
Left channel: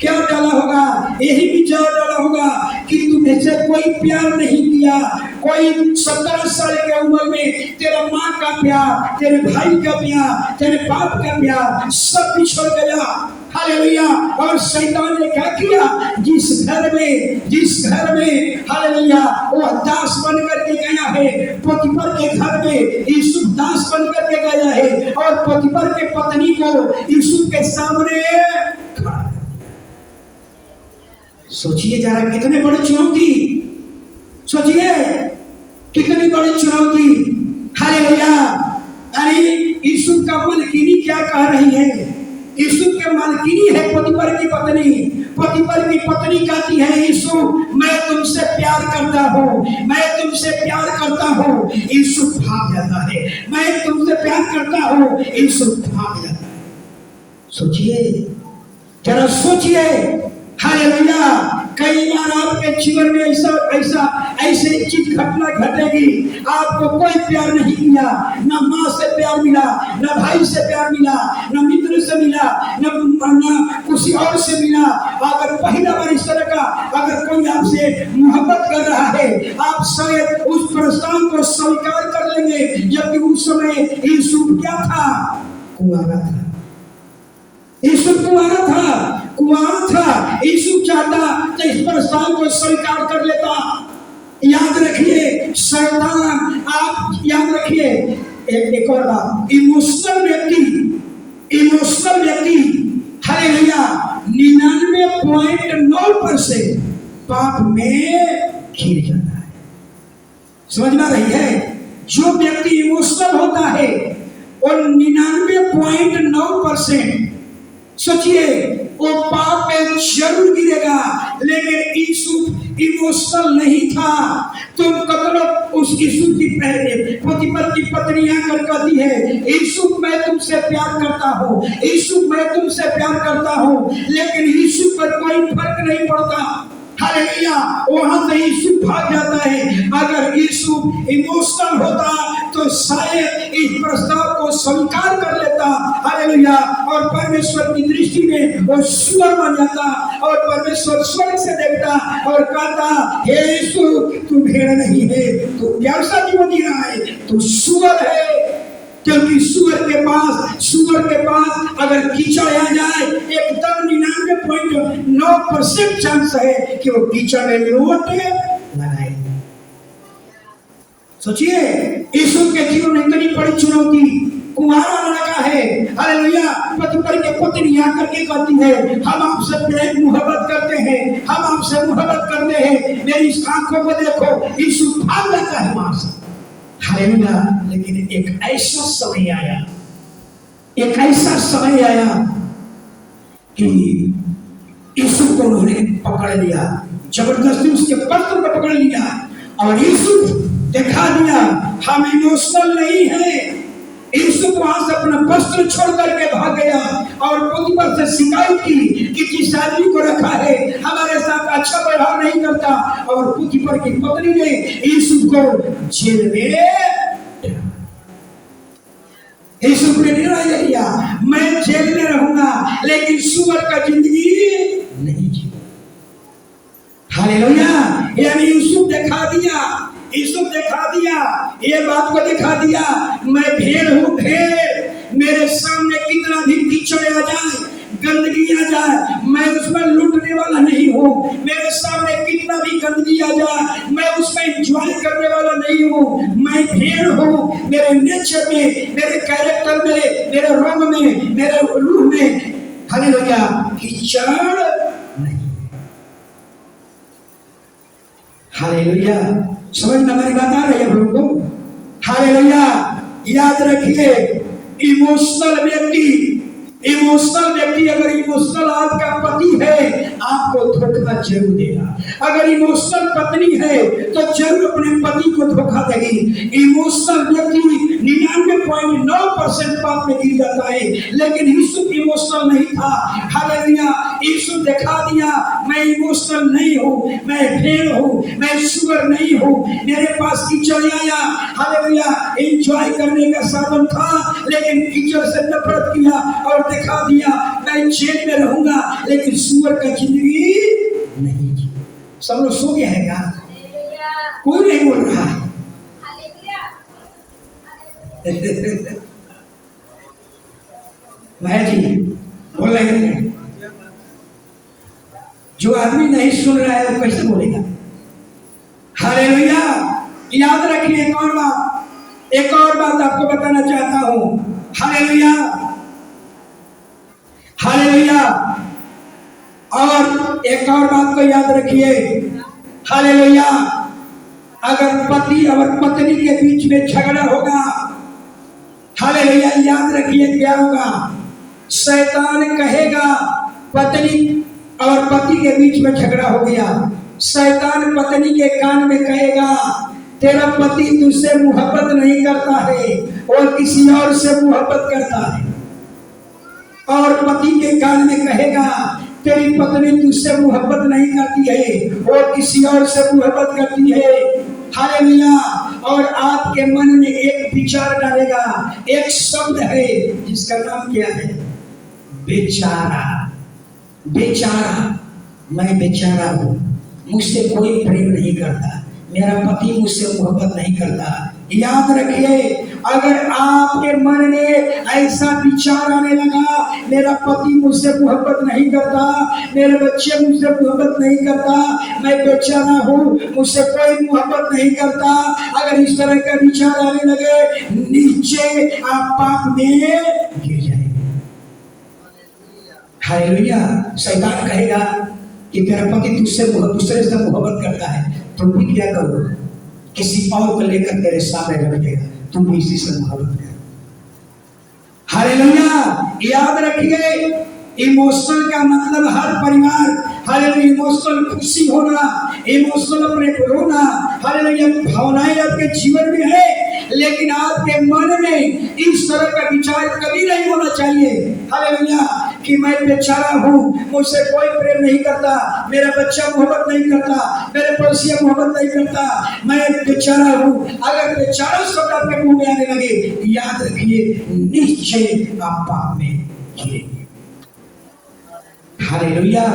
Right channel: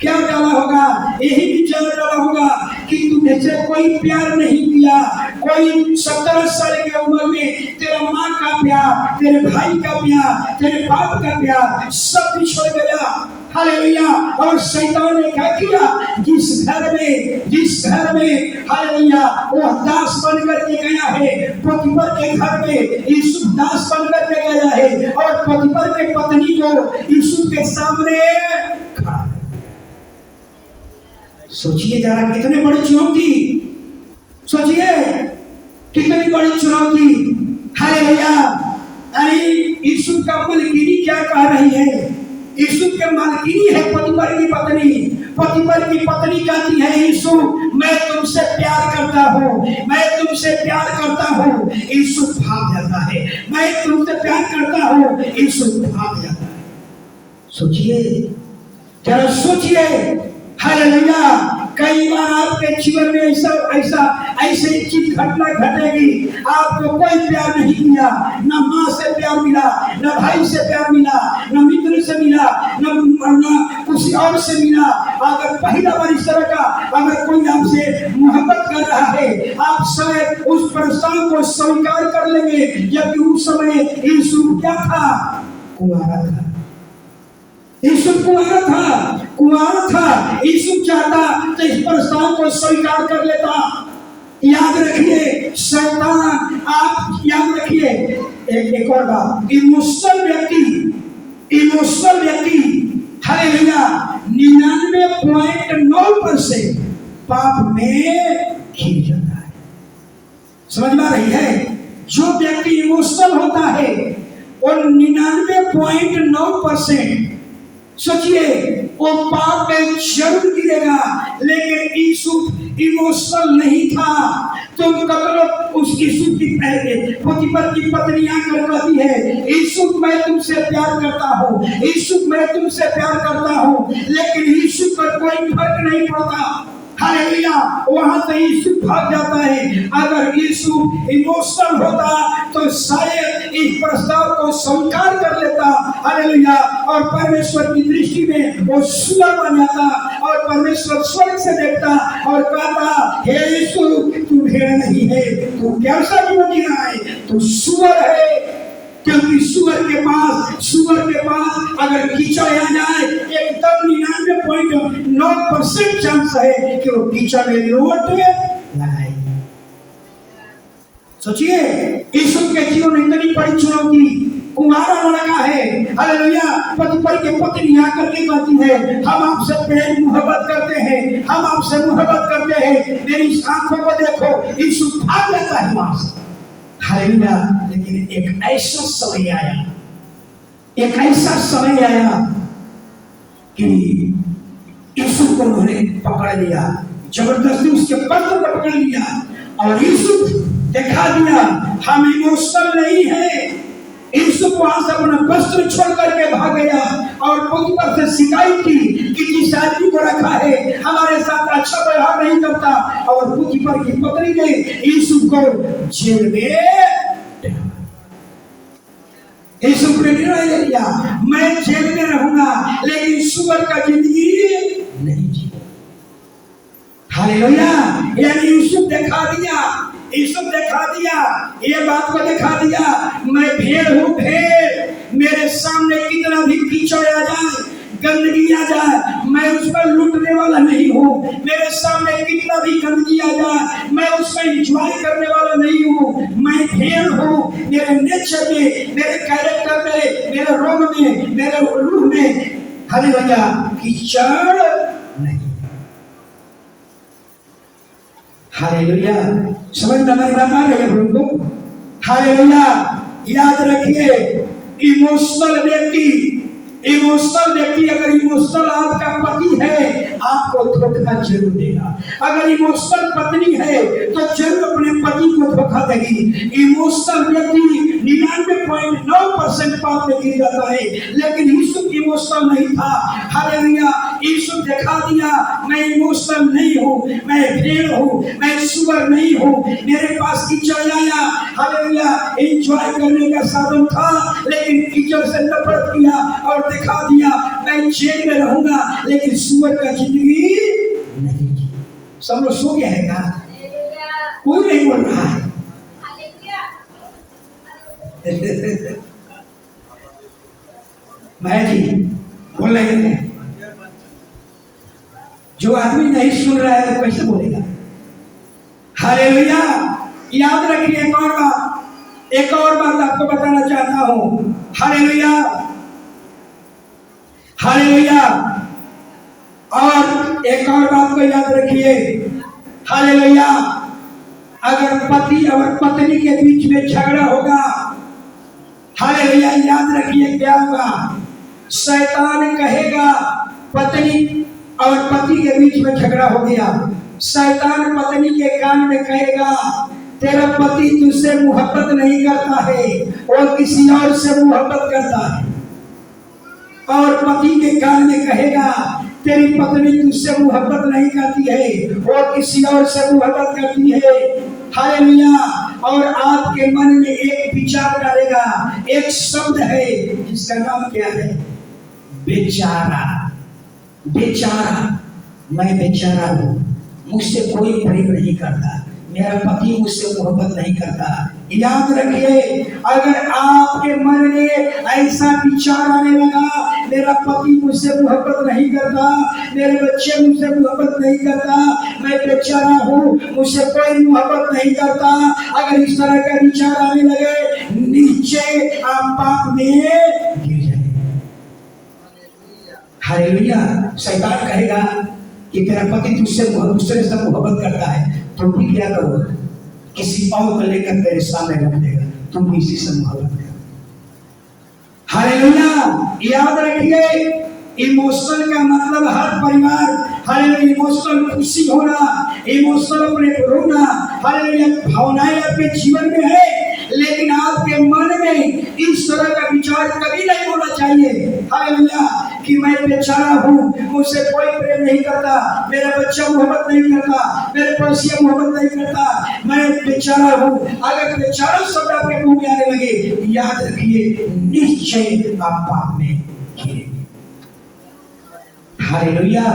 क्या डाला होगा? यही विचार डाला होगा कि तुम्हें से कोई प्यार नहीं किया, कोई 17 साल के उम्र में तेरा माँ का प्यार, तेरे भाई का प्यार, तेरे बाप का प्यार सब बिछड़ गया। हालेलुया, और शैतान ने क्या किया? जिस घर में हालेलुया वो दास बन करके गया है, पोतीफर के घर में यूसुफ दास बन करके गया है, और पोतीफर के पत्नी को यूसुफ के सामने खड़ा। सोचिए जरा, कितने बड़ी चुनौती, सोचिए कितनी बड़ी चुनौती। हालेलुया, यानी यूसुफ का मालकिनी क्या कह रही है? यूसुफ के मालकिनी है पोतीफर की पत्नी। पोतीफर की पत्नी कहती है, यूसुफ मैं तुमसे प्यार करता हूँ, मैं तुमसे प्यार करता हूँ। यूसुफ भाग जाता है, मैं तुमसे प्यार करता हूँ, यूसुफ भाग जाता है। सोचिए जरा, सोचिए। हालेलुया, कई बार आपके जीवन में ऐसे चीज घटना घटेगी, आपको कोई प्यार नहीं किया, न माँ से प्यार मिला, न भाई से प्यार मिला, न मित्र से मिला, न किसी और से मिला। अगर पहला बार इस तरह का अगर कोई आपसे मोहब्बत कर रहा है, आप शायद उस प्रस्ताव को स्वीकार कर लेंगे, जबकि उस समय यूसुफ क्या था? कुंवारा था। यूसुफ कुंवारा था। यूसुफ चाहता तो इस प्रस्ताव को स्वीकार कर लेता। याद रखिए शैतान, आप याद रखिए एक और बात, इमोशनल व्यक्ति हालेलुया 99.9% पाप में घिर जाता है। समझ में आ रही है? जो व्यक्ति इमोशनल होता है और 99.9% सोचिए वो पाप में जरूर गिरेगा। लेकिन यूसुफ इमोशनल नहीं था। तुम कतलो उस यूसुफ की पोतीफर की पत्नी आकर कहती है, यूसुफ मैं तुमसे प्यार करता हूँ, यूसुफ मैं तुमसे प्यार करता हूँ, लेकिन यूसुफ पर कोई फर्क नहीं पड़ता। हालेलुया, वहां से यूसुफ भाग जाता है। अगर यूसुफ इमोशनल होता तो शायद इस प्रस्ताव को स्वीकार कर लेता। हालेलुया, और परमेश्वर की दृष्टि में वो सुअर बन जाता और परमेश्वर स्वर्ग से देखता और कहता, हे यूसुफ तू भेड़ नहीं है, तू कैसा जीवन जी रहा है, तू सुअर है। क्योंकि सुअर के पास अगर कीचड़ आ जाए एकदम 99.9% चांस है कि वो कीचड़ में लोट लगाए। सोचिए यूसुफ के जीवन में इतनी बड़ी चुनौती, कुंवारा लड़का है, हालेलुया, पोतीफर के पत्नी आकर के कहती है, हम आपसे प्रेम मोहब्बत करते हैं, हम आपसे मोहब्बत करते हैं, मेरी आंखों को देखो। यूसुफ भाग जाता है वहां से। हालेलुया, लेकिन एक ऐसा समय आया कि यूसुफ को उन्होंने पकड़ लिया, जबरदस्ती उसके वस्त्र को पकड़ लिया और यूसुफ दिखा दिया हम इमोशनल नहीं है। यूसुफ वहां से अपना वस्त्र छोड़ करके भाग गया और पोतीफर से शिकायत की कि जिस आदमी को रखा है हमारे साथ अच्छा व्यवहार नहीं करता। और पोतीफर की पत्नी ने यूसुफ को जेल में, यूसुफ ने निर्णय लिया मैं जेल में रहूंगा लेकिन सुअर का जिंदगी नहीं जीऊंगा। हालेलुया, यानी यूसुफ दिखा दिया, ये बात को दिखा दिया, मैं भेड़ हूँ, भेड़। मेरे सामने कितना भी कीचड़ आ जाए, गंदगी आ जाए, मैं उसमें लूटने वाला नहीं हूँ। मेरे सामने कितना भी गंदगी आ जाए, मैं उसमें एंजॉय करने वाला नहीं हूँ। मैं भेड़ हूँ, मेरे नेचर में, मेरे कैरेक्टर में, मेरे रोग में, मेरे रूह में हालेलुया कीचड़ नहीं। हालेलुया, समझ में हमारी बात आ रही है लोगों? हालेलुया, याद रखिए इमोशनल व्यक्ति अगर इमोशनल आपका पति है आपको धोखा जरूर देगा। अगर इमोशनल पत्नी है तो जरूर अपने पति को धोखा देगी। इमोशनल व्यक्ति 99.9% पाप में गिर जाता है। लेकिन यूसुफ इमोशनल नहीं था। हालेलुया, यूसुफ दिखा दिया मैं इमोशनल नहीं हूँ, मैं भेड़ हूँ, मैं सुअर नहीं हूँ। मेरे पास कीचड़ आया, हालेलुया, एंजॉय करने का साधन था, लेकिन कीचड़ से नफरत किया और दिखा दिया मैं जेल में रहूंगा लेकिन सुअर का जिंदगी नहीं। सब लोग सो गया है क्या? कोई नहीं बोल रहा है। माया जी बोल रहे हैं, जो आदमी नहीं सुन रहा है वो कैसे बोलेगा? हालेलुया, याद रखिए एक और बात आपको बताना चाहता हूं। हालेलुया, और एक और बात को याद रखिए। हालेलुया, अगर पति और पत्नी के बीच में झगड़ा होगा, हालेलुया, याद रखिए क्या होगा? शैतान कहेगा, पत्नी और पति के बीच में झगड़ा हो गया, शैतान पत्नी के कान में कहेगा तेरा पति तुझसे मोहब्बत नहीं करता है और किसी और से मोहब्बत करता है। और पति के कान में कहेगा तेरी पत्नी तुझसे मोहब्बत नहीं करती है और किसी और से मोहब्बत करती है। हालेलुया, और आपके मन में एक विचार डालेगा, एक शब्द है जिसका नाम क्या है? बेचारा। मैं बेचारा हूँ, मुझसे कोई प्रेम नहीं करता, मेरा पति मुझसे मोहब्बत नहीं करता, याद रखिए, अगर आपके मन में ऐसा विचार आने लगा, मेरा पति मुझसे मोहब्बत नहीं करता, मेरे बच्चे मुझसे मोहब्बत नहीं करता, मैं बेचारा हूँ, मुझसे कोई मोहब्बत नहीं करता, अगर इस तरह का विचार आने लगे, नीचे आप पाप में गिर जाएंगे। हालेलुया। शैतान कहेगा कि तेरा पति तुझसे दूसरे से मोहब्बत करता है, तुम भी क्या करो, किसी और को लेकर तेरे सामने रख देगा, तुम भी इसी से मोहब्बत करो। हालेलुया। याद रखिए, इमोशनल का मतलब हर परिवार, हालेलुया, इमोशनल खुशी होना, इमोशनल अपने रोना, हालेलुया, भावनाएं आपके जीवन में है, लेकिन आपके मन में इस तरह का विचार कभी नहीं होना चाहिए, हालेलुया, कि मैं बेचारा हूँ, मुझसे कोई प्रेम नहीं करता, मेरा बच्चा मोहब्बत नहीं करता, मेरे पड़ोसिया मोहब्बत नहीं करता, मैं बेचारा हूँ। अगर बेचारा शब्द आपके मुंह में आने लगे, याद रखिए, निश्चय आप पाप में गिरेंगे। हालेलुया।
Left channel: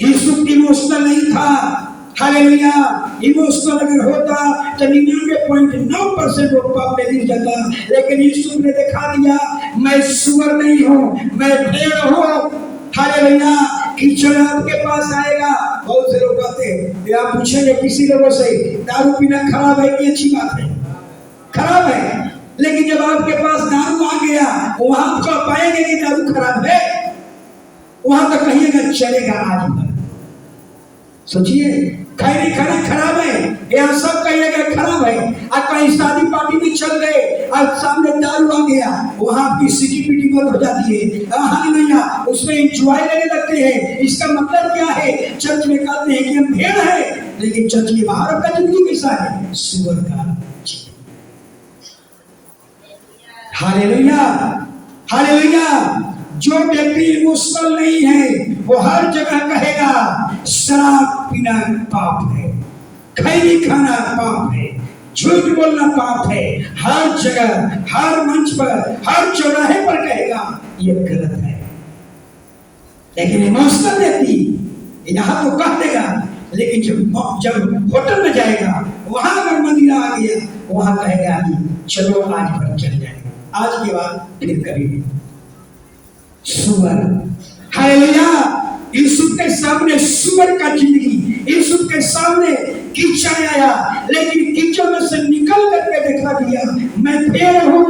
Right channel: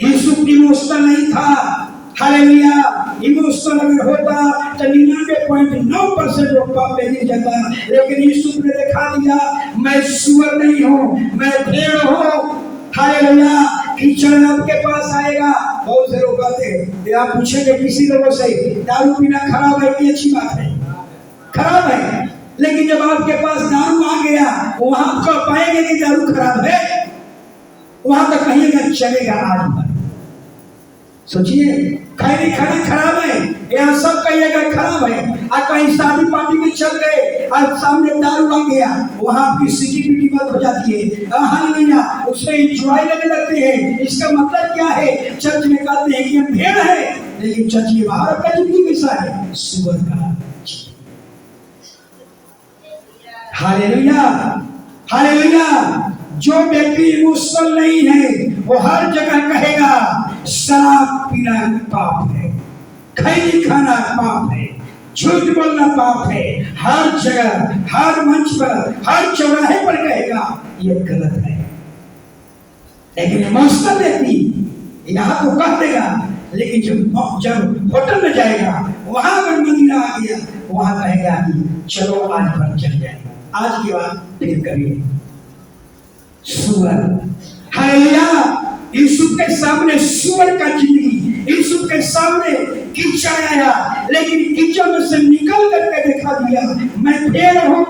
यीशु इमोशनल नहीं था, हालेलुया। इमोशनल अगर होता तो 99.9% वो पाप में गिर जाता, लेकिन यीशु ने दिखा दिया, मैं सुअर नहीं हूँ, मैं भेड़ हूँ। हालेलुया। कीचड़ आपके पास आएगा। बहुत से लोग कहते हैं, आप पूछेंगे किसी लोगों से, दारू पीना खराब है कि अच्छी बात है? खराब है, लेकिन जब आपके पास दारू आ गया, वहां तो पाएंगे कि दारू खराब है, वहां तो कहिएगा चलेगा आज भर। सोचिए, खैरी खाना खराब है, यह सब कहिएगा खराब है। और कहीं शादी पार्टी में चल गए और सामने दारू आ गया, वहां आपकी सिटी पिटी बंद हो जाती है, हालेलुया, उसमें एंजॉय लेने लगते हैं। इसका मतलब क्या है? चर्च में कहते हैं कि हम भेड़ हैं, लेकिन चर्च के बाहर आपका जिंदगी कैसा है? सुअर का। Hallelujah, hallelujah. जो व्यक्ति इमोशनल नहीं है, वो हर जगह कहेगा शराब पीना पाप है, खैनी खाना पाप है, झूठ बोलना पाप है, हर जगह, हर मंच पर, हर चौराहे पर कहेगा ये गलत है। लेकिन इमोशनल व्यक्ति यहाँ तो कह देगा, लेकिन जब होटल में जाएगा, वहां अगर मदीना आ गया, वहां कहेगा कि चलो आज भर चल जाएगा, आज के बाद फिर कभी नहीं। सुअर। हालेलुया। यीशु के सामने सुअर का जिंदगी, यीशु के सामने कीचड़ आया, लेकिन कीचड़ में से निकल करके दिखा दिया, मैं भेड़ हूँ।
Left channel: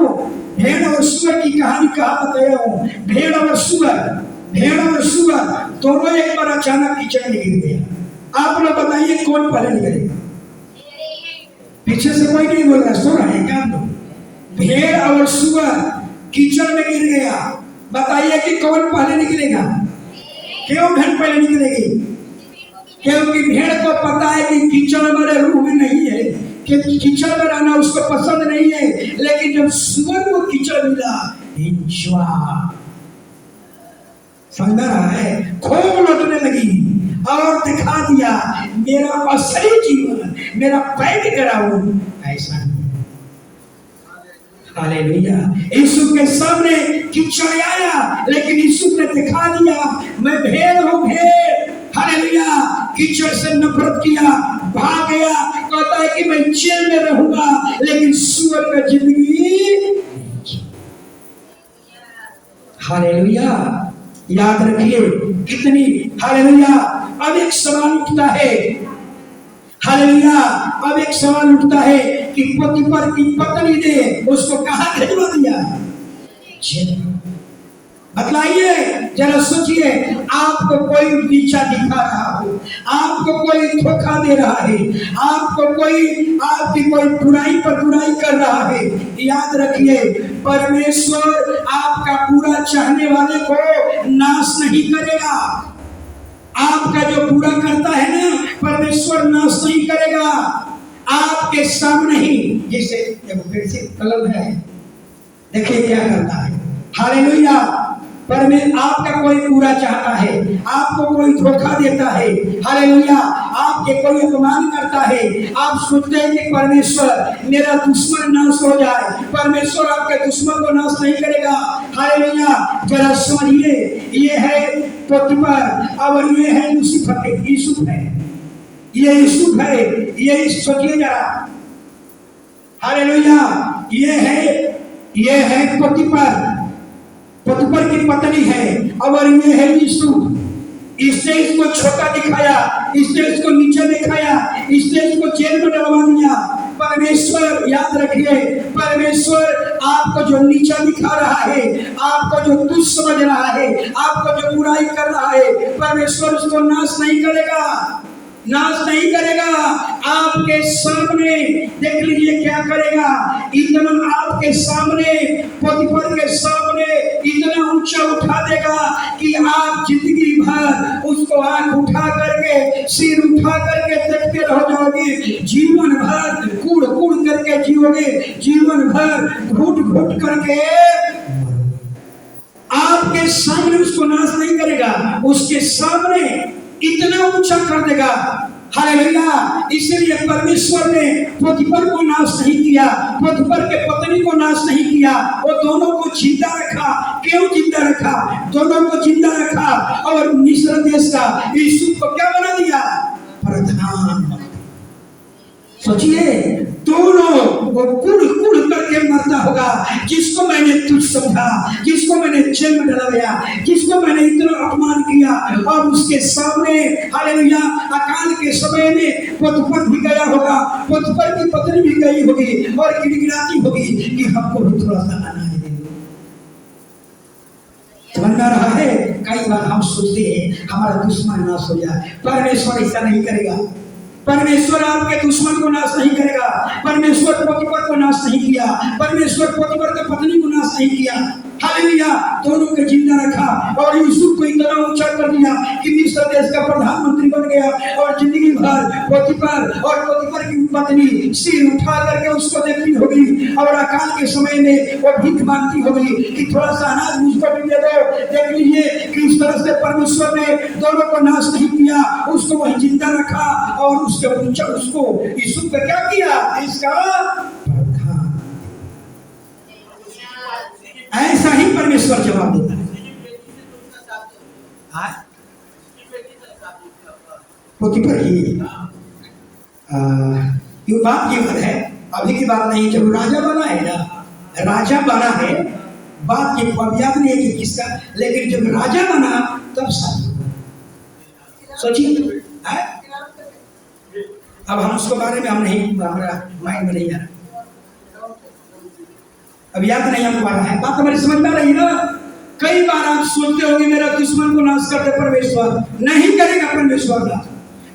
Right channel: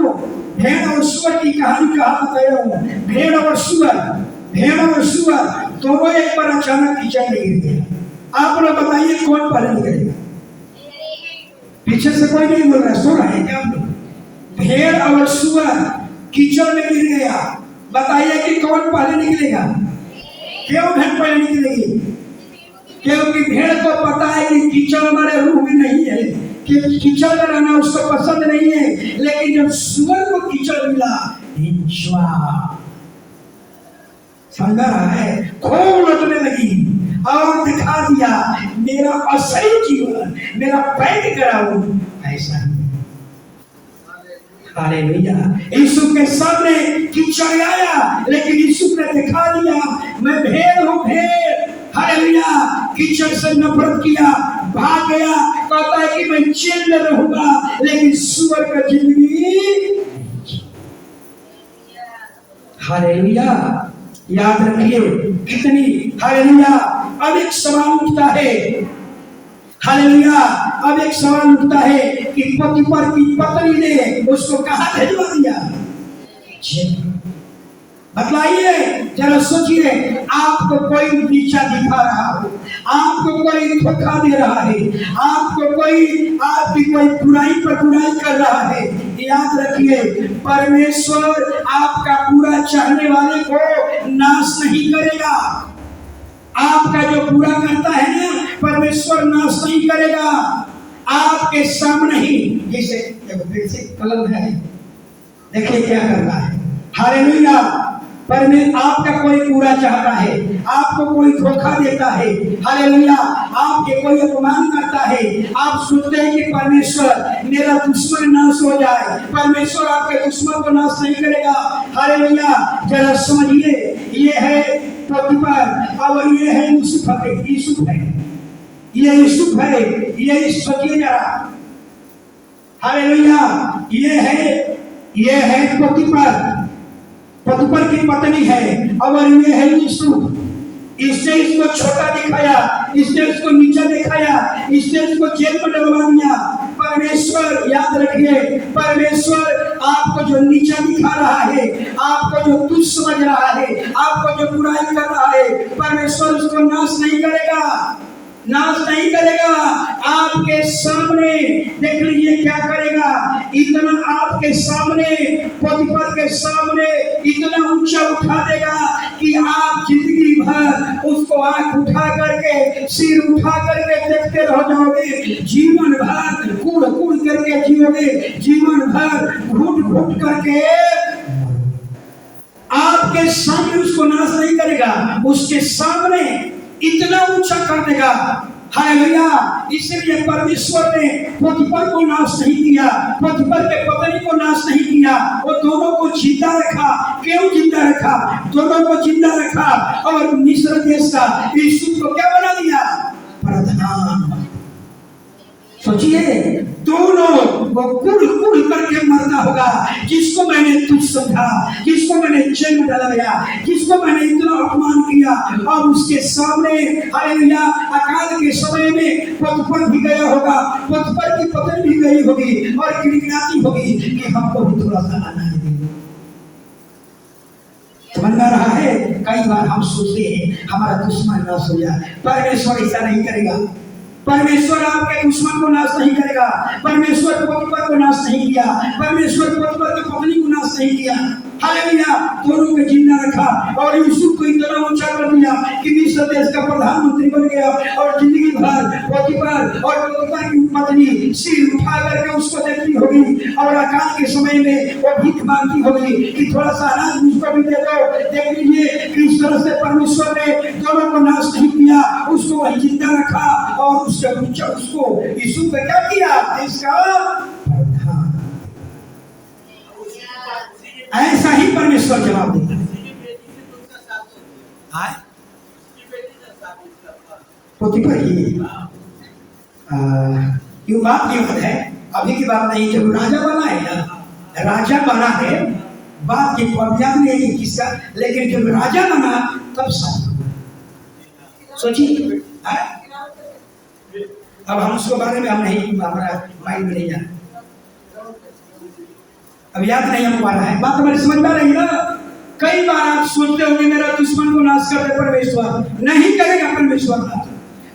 भेड़ और सुअर की कहानी कहा बताया हूँ। भेड़ और सुअर, भेड़ और सुअर दोनों एक बार अचानक कीचड़ में गिर गया। आप लोग बताइए कौन पहले निकलेगा? पीछे से कोई नहीं बोल रहा, सो रहा है क्या? भेड़ और सुअर कीचड़ में गिर गया, बताइए कि कौन पहले निकलेगा? क्यों भेड़ पहले निकलेगी? क्योंकि भेड़ को पता है कि कीचड़ हमारे रूह में नहीं है, कि कीचड़ में रहना उसको पसंद नहीं है, लेकिन जब सुअर को कीचड़ मिला, समझ रहा है, खूब लौटने लगी और दिखा दिया मेरा असली जीवन, मेरा बैकग्राउंड ऐसा है। हालेलुया। यीशु के सामने कीचड़ आया, लेकिन यीशु ने दिखा दिया मैं भेड़ हूँ, भेड़। हालेलुया। कीचड़ से नफरत किया, भाग गया, कहता है कि मैं जेल में रहूंगा, लेकिन सुअर का जिंदगी। हालेलुया। याद रखिए कितनी, हालेलुया। अब एक सवाल उठता है, हालेलुया, अब एक सवाल उठता है कि पोतीफर की पत्नी ने उसको कहां भेजवा दिया? बतलाइए, जरा सोचिए, आपको कोई नीचा दिखा रहा हो, आपको कोई धोखा दे रहा है, आपको कोई आपकी कोई बुराई पर बुराई कर रहा है, याद रखिए परमेश्वर आपका पूरा चाहने वाले को नाश नहीं करेगा। आपका जो पूरा करता है ना, परमेश्वर नाश नहीं करेगा। आपके सामने ही, जैसे कलम है, देखिए क्या करता है। हालेलुया। आपका कोई पूरा चाहता है, आपको कोई धोखा देता है, हालेलुया, आपके कोई अपमान करता है, आप सोचते हैं कि परमेश्वर मेरा दुश्मन नाश हो जाए, परमेश्वर आपके दुश्मन को नाश नहीं करेगा। हालेलुया। जरा समझिए, ये है पोतीफर और ये है यूसुफ, यूसुफ है, ये यूसुफ है, ये सोचिए जरा। हालेलुया। ये है पोतीफर की पत्नी है, और ये है यूसुफ। इसने इसको छोटा दिखाया, इसने इसको नीचा दिखाया, इसने इसको जेल में डलवा दिया। परमेश्वर, याद रखिए, परमेश्वर आपको जो नीचा दिखा रहा है, आपको जो तुच्छ समझ रहा है, आपको जो बुराई कर रहा है, परमेश्वर उसको नाश नहीं करेगा, नाश नहीं करेगा। आपके सामने देख लीजिए क्या करेगा। इतना आपके सामने, पोतीफर के सामने इतना ऊंचा उठा देगा कि आप जिंदगी भर उसको आंख उठा करके, सिर उठा करके देखते रह जाओगे। जीवन भर कूड़ कूड़ करके जियोगे, जीवन भर घुट घुट करके। आपके सामने उसको नाश नहीं करेगा, उसके सामने इतना ऊंचा कर देगा। हालेलुया। इसीलिए परमेश्वर ने पोतीफर को नाश नहीं किया, पोतीफर के पत्नी को नाश नहीं किया, वो दोनों को जिंदा रखा। क्यों जिंदा रखा? दोनों को जिंदा रखा, और मिस्र देश का यूसुफ को क्या बना दिया? प्रधान। सोचिए, दोनों वो कुड़ कुड़ करके मरता होगा। जिसको मैंने तुच्छ समझा, जिसको मैंने जेल में डलवाया, जिसको मैंने इतना अपमान किया, और उसके सामने हालेलुया अकाल के समय में पोतीफर भी गया होगा, पोतीफर की पत्नी भी गई होगी, और गिड़गिड़ाती होगी कि हमको भी थोड़ा सा आना है। समझ में रहा है? कई बार हम सोचते हैं हमारा दुश्मन नाश हो जाए। परमेश्वर ऐसा नहीं करेगा। परमेश्वर आपके दुश्मन को नाश नहीं करेगा। परमेश्वर पोतीफर को नाश नहीं किया, परमेश्वर पोतीफर की पत्नी को नाश नहीं किया। हालेलुया। दोनों को जिंदा रखा, और यूसुफ को इतना ऊंचा कर दिया कि मिस्र देश का प्रधानमंत्री बन गया, और जिंदगी भर पोतीफर और पोतीफर की पत्नी सिर उठा करके उसको देखती होगी, और अकाल के समय में वो भीख मांगती होगी कि थोड़ा सा अनाज मुझको भी दे दो। देख लीजिए कि इस तरह से परमेश्वर ने दोनों को नाश नहीं किया, उसको वही जिंदा रखा, और उसके ऊंचा उसको यूसुफ का क्या किया? इसका प्रधान। ऐसा ही परमेश्वर जवाब देता है। पोतीफर ही ये बात की बात है, अभी की बात नहीं। जब राजा बना है ना, राजा बना है, बात की अब याद नहीं है कि किसका, लेकिन जब राजा बना तब सब सोचिए। अब हम उसके बारे में हम नहीं, हमारा माइंड में नहीं जाना, अब याद नहीं हम पा रहा है। बात हमारी समझ में आ रही है ना? कई बार आप सोचते होंगे मेरा दुश्मन को नाश कर दे परमेश्वर, नहीं करेगा परमेश्वर ना,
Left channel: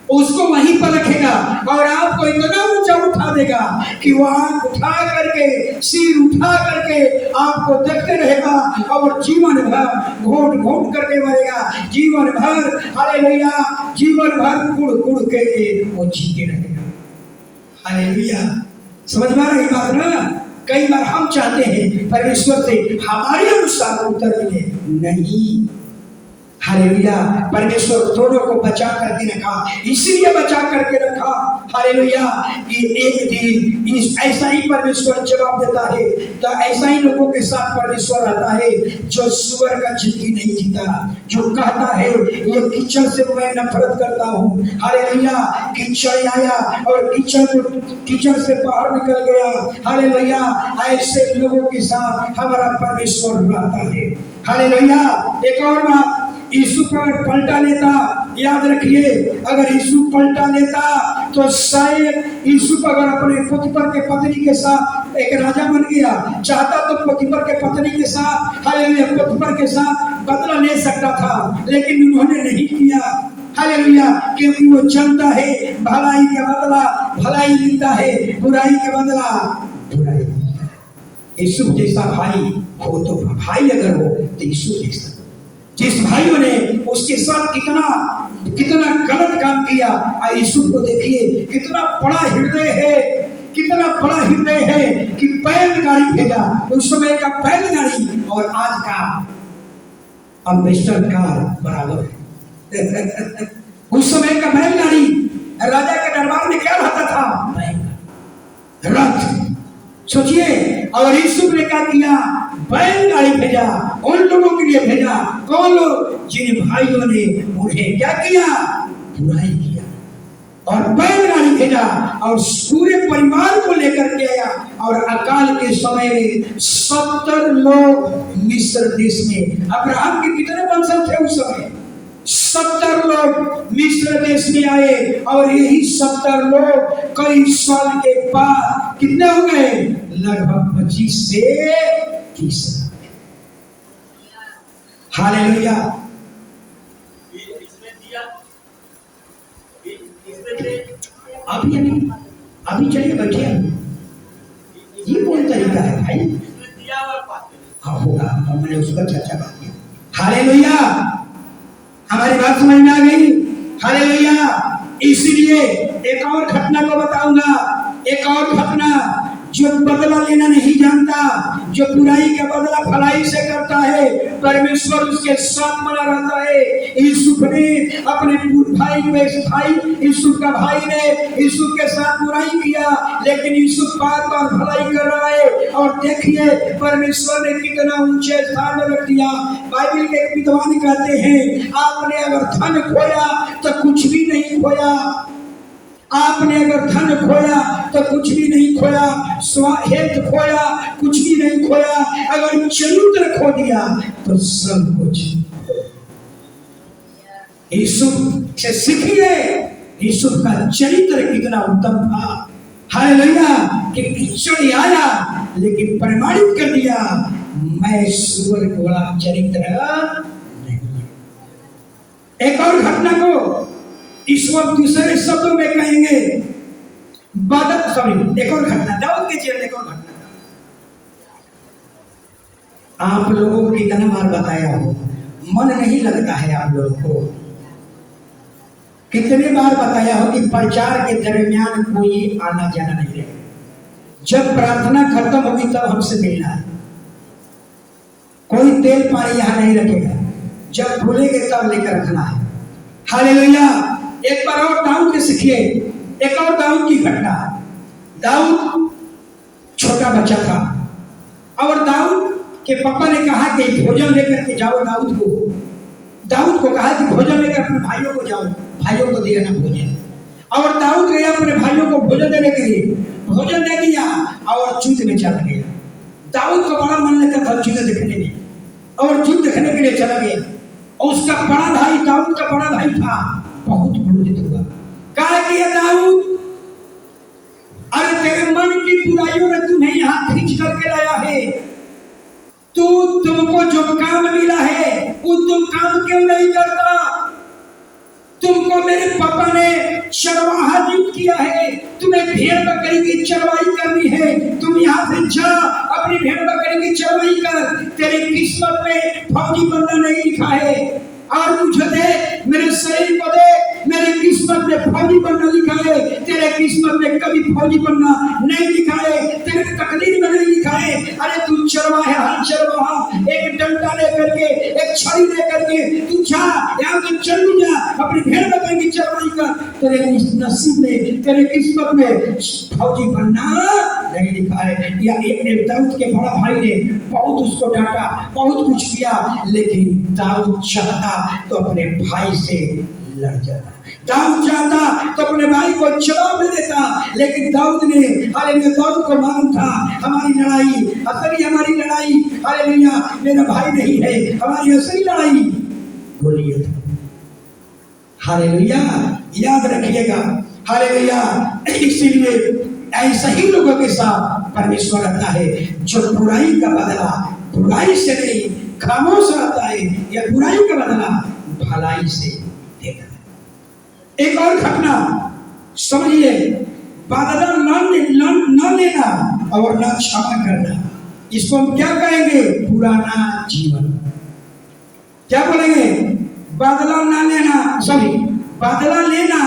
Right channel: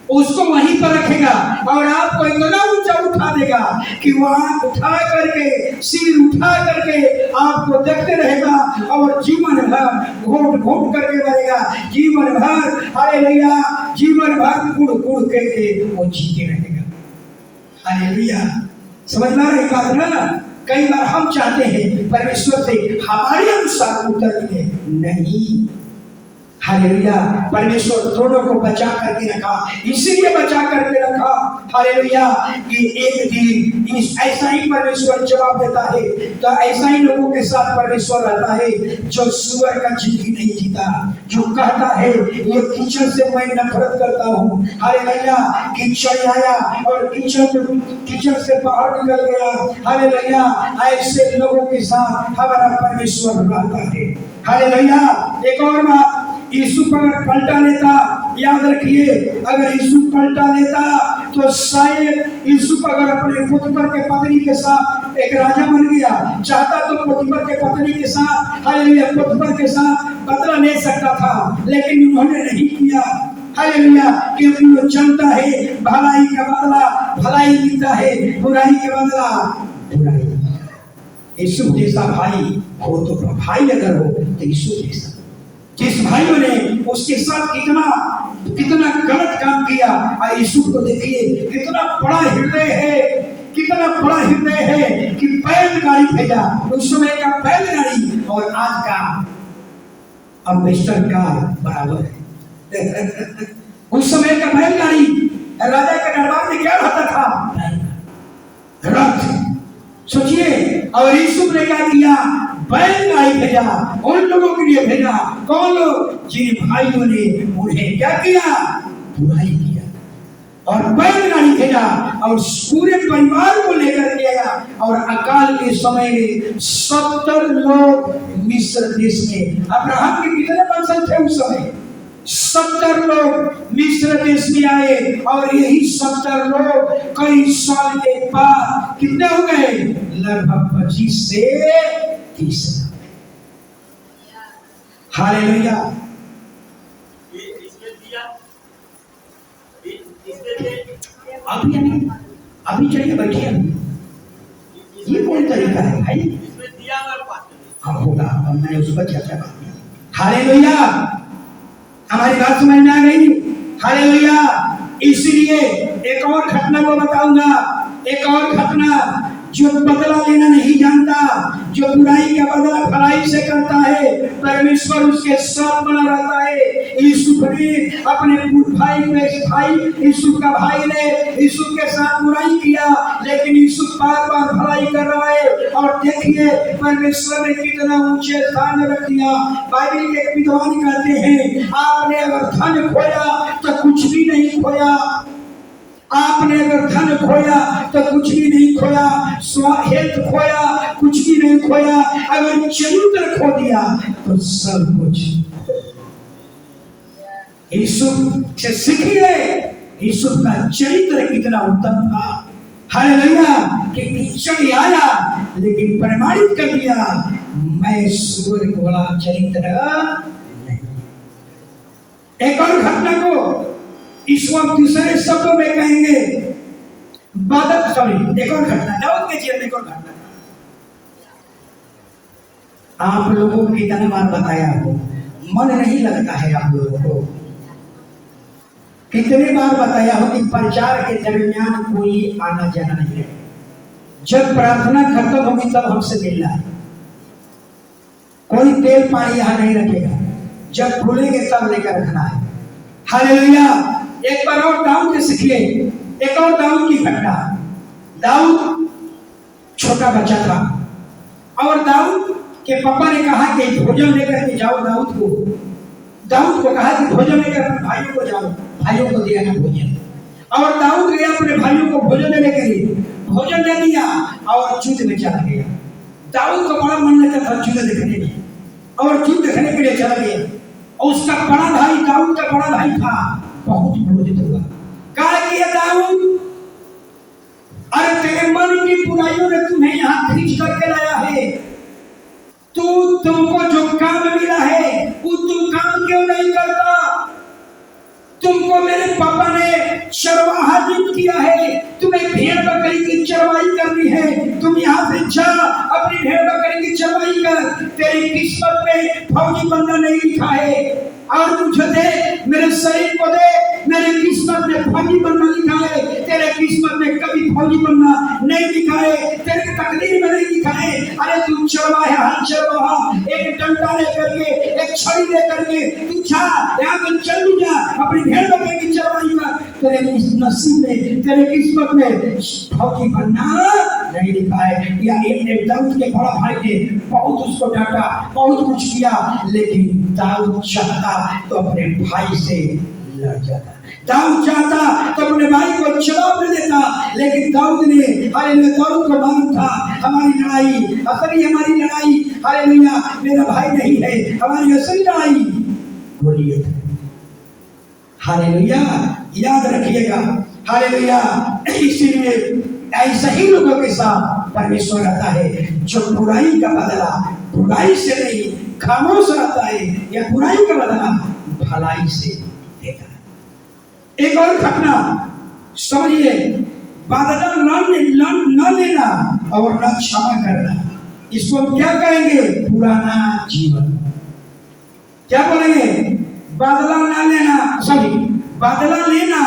उसको वहीं पर रखेगा, और आपको इतना ऊंचा उठा देगा कि वो आंख उठा करके, सिर उठा करके आपको देखते रहेगा, और जीवन भर घोट घोट करके मरेगा। जीवन भर हालेलुया, जीवन भर कुड़ कुड़ के वो जीते रहेगा। हालेलुया। समझ में आ रही बात ना? कई बार हम चाहते हैं परमेश्वर से हमारे अनुसार उत्तर मिले, नहीं। हालेलुया। परमेश्वर दोनों को बचा करके रखा, इसलिए बचा करके रखा हालेलुया कि एक दिन ऐसा ही परमेश्वर जवाब देता है। तो ऐसा ही लोगों के साथ परमेश्वर रहता है जो सुअर का जिंदगी नहीं जीता, जो कहता है ये कीचड़ से मैं नफरत करता हूँ। हालेलुया। कीचड़ आया और कीचड़ से बाहर निकल गया। हालेलुया। ऐसे लोगों के साथ हमारा परमेश्वर रहता है। हालेलुया। एक और बात, यीशु अगर पलटा लेता, याद रखिए, अगर यीशु पलटा लेता तो शायद यीशु अगर अपने पोतीफर के पत्नी के साथ एक राजा बन गया, चाहता तो पोतीफर के पत्नी के साथ, हालेलुया, पोतीफर के साथ बदला ले सकता था, लेकिन उन्होंने नहीं किया। हालेलुया। क्योंकि वो जानता है भलाई का बदला भलाई मिलता है, बुराई का बदला बुराई। यीशु जैसा भाई हो तो भाई अगर हो तो यीशु जैसा, जिस भाइयों ने उसके साथ कितना गलत काम किया, यीशु को देखिए कितना बड़ा हृदय है, कितना बड़ा हृदय है कि बैलगाड़ी भेजा। उस समय का बैलगाड़ी और आज का अम्बेसडर कार बराबर है। उस समय का बैलगाड़ी, राजा के दरबार में क्या रहता था? रथ। सोचिए, और यीशु ने क्या किया? बैलगाड़ी भेजा, उन लोगों के लिए भेजा। कौन लोग? जिन भाइयों ने उन्हें क्या किया? बुराई किया, और बैलगाड़ी भेजा, और पूरे परिवार को लेकर के आया। और अकाल के समय में 70 लोग मिस्र देश में, अब्राहम के कितने वंशज थे उस समय? 70 लोग मिस्र देश में आए और यही 70 लोग कई साल के बाद कितने हो गए? लगभग 25 से 30। हालेलुया। अभी चलिए बैठिए। ये कौन तरीका है भाई? हाँ होगा, मैंने उस पर चर्चा बात की। हालेलुया, हमारी बात समझ में आ गई? हालेलुया। इसीलिए एक और घटना को बताऊंगा, एक और घटना। जो बदला लेना नहीं जानता, जो बुराई का बदला भलाई से करता है, परमेश्वर उसके साथ बना रहता है। यूसुफ ने अपने यूसुफ का भाई ने यूसुफ के साथ बुराई किया, लेकिन यूसुफ बार बार भलाई कर रहा है। और देखिए परमेश्वर ने कितना ऊंचे स्थान में रख दिया। बाइबल के विद्वान कहते हैं, आपने अगर धन खोया तो कुछ भी नहीं खोया, आपने अगर धन खोया तो कुछ भी नहीं खोया, हेल्थ खोया कुछ भी नहीं खोया, अगर चरित्र खो दिया तो सब कुछ। यूसुफ से सीखिए, यूसुफ का चरित्र कितना उत्तम था। हालेलुया। कि कीचड़ आया लेकिन प्रमाणित कर दिया, मैं स्वर्ग वाला चरित्र नहीं। एक और घटना को इस वक्त दूसरे शब्दों में कहेंगे, एक और घटना, दाऊद के जीवन में एक और घटना। आप लोगों को कितना बार बताया हो, मन नहीं लगता है आप लोगों को? कितने बार बताया हो कि प्रचार के दरमियान कोई आना जाना नहीं है। जब प्रार्थना खत्म होगी तब हमसे मिलना है। कोई तेल पानी यहां नहीं रखेगा, जब भूलेंगे तब लेकर रखना है। हालेलुया। एक बार और दाऊद के सीखिए, एक और दाऊद की घटना। दाऊद छोटा बच्चा था और दाऊद के पापा ने कहा कि भोजन लेकर के जाओ। दाऊद को कहा कि भोजन लेकर अपने भाइयों को जाओ, भाइयों को दिया ना भोजन। और दाऊद गया अपने भाइयों को भोजन देने के लिए, भोजन दे दिया और युद्ध में चला गया। दाऊद को बड़ा मन लगता था युद्ध देखने में, और युद्ध देखने के लिए चला गया। और उसका बड़ा भाई, दाऊद का बड़ा भाई था, बहुत क्रोधित हुआ। कहा कि दाऊद, अरे तेरे मन की बुराइयों ने तुम्हें यहाँ खींच करके लाया है, तुमको जो काम मिला है वो तुम काम क्यों नहीं करता? तुमको मेरे पापा ने चरवाहा नियुक्त किया है, तुम्हें भेड़ बकरी की चरवाई करनी है, तुम यहाँ से जा अपनी भेड़ बकरी की चरवाई कर। तेरी किस्मत में फौजी बनना नहीं लिखा है, और मुझे दे, मेरे शरीर को दे, मेरे किस्मत में फौजी बनना लिखा है। तेरे किस्मत में कभी फौजी बनना नहीं लिखा है, तेरे तकदीर में नहीं लिखा है। अरे तू चरवाहा, हर चरवाहा एक डंडा लेकर के, एक छड़ी लेकर के तू जा, यहाँ से चल जा अपनी भेड़ बकरी की चरवाई कर। तेरे नसीब में, तेरे किस्मत में फौजी बनना नहीं लिखा है। या एक दाऊद के बड़ा भाई ने बहुत उसको डांटा, बहुत कुछ किया, लेकिन दाऊद चाहता तो अपने भाई से लड़ जाता, दाऊद चाहता तो अपने भाई को जवाब दे देता। लेकिन दाऊद ने, हालेलुया, दाऊद को मालूम था हमारी लड़ाई, असली हमारी लड़ाई, हालेलुया, मेरा भाई नहीं है, हमारी असली लड़ाई बोलिए, हालेलुया, याद रखिएगा, हालेलुया। इसीलिए ऐसा ही लोगों के साथ परमेश्वर आता है, जो बुराई का बदला बुराई से नहीं, खामोश रहता है, या बुराई का बदला भलाई से देता है। एक और घटना समझिए, बदला न लेना और न क्षमा करना, इसको हम क्या कहेंगे? पुराना जीवन। क्या बोलेंगे? बदला न लेना, बदला लेना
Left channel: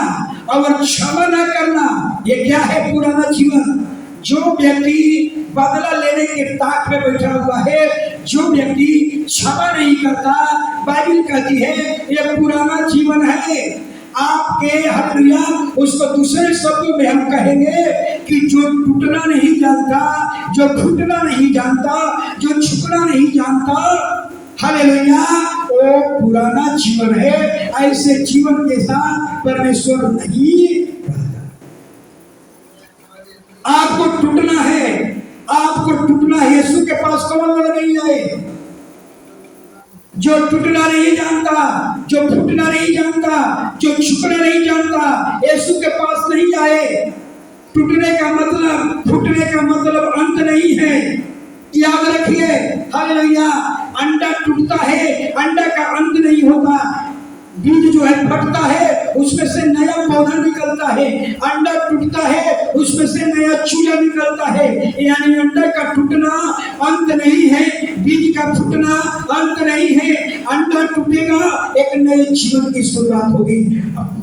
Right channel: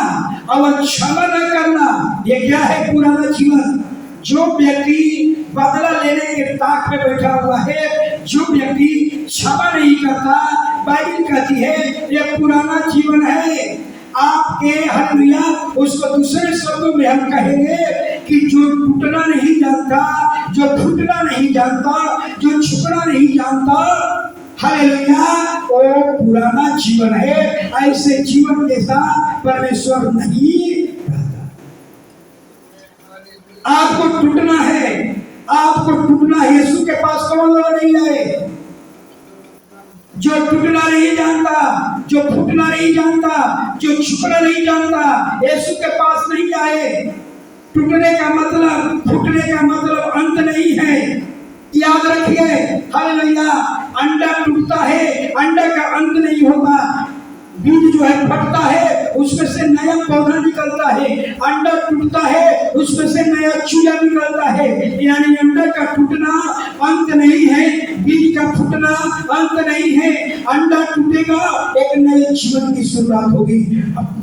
और क्षमा न करना, ये क्या है? पुराना जीवन। जो व्यक्ति बदला लेने के ताक में बैठा हुआ है, जो व्यक्ति क्षमा नहीं करता, बाइबल कहती है ये पुराना जीवन है आपके। हालेलुया। उसको दूसरे शब्दों में हम कहेंगे कि जो टूटना नहीं जानता, जो घुटना नहीं जानता, जो झुकना नहीं जानता, हालेलुया, वो पुराना जीवन है। ऐसे जीवन के साथ परमेश्वर नहीं रहता। आपको टूटना है, आपको टूटना यीशु के पास कौन लोग नहीं आए? जो टूटना नहीं जानता, जो फूटना नहीं जानता, जो झुकना नहीं जानता, यीशु के पास नहीं आए। टूटने का मतलब, फूटने का मतलब अंत नहीं है, याद रखिए। हालेलुया। अंडा टूटता है, अंडा का अंत नहीं होता। बीज जो है फटता है, उसमें से नया पौधा निकलता है। अंडा टूटता है, उसमें से नया चूजा निकलता है। यानी अंडा का टूटना अंत नहीं है, बीज का फूटना अंत नहीं है। अंडा टूटेगा, एक नए जीवन की शुरुआत होगी।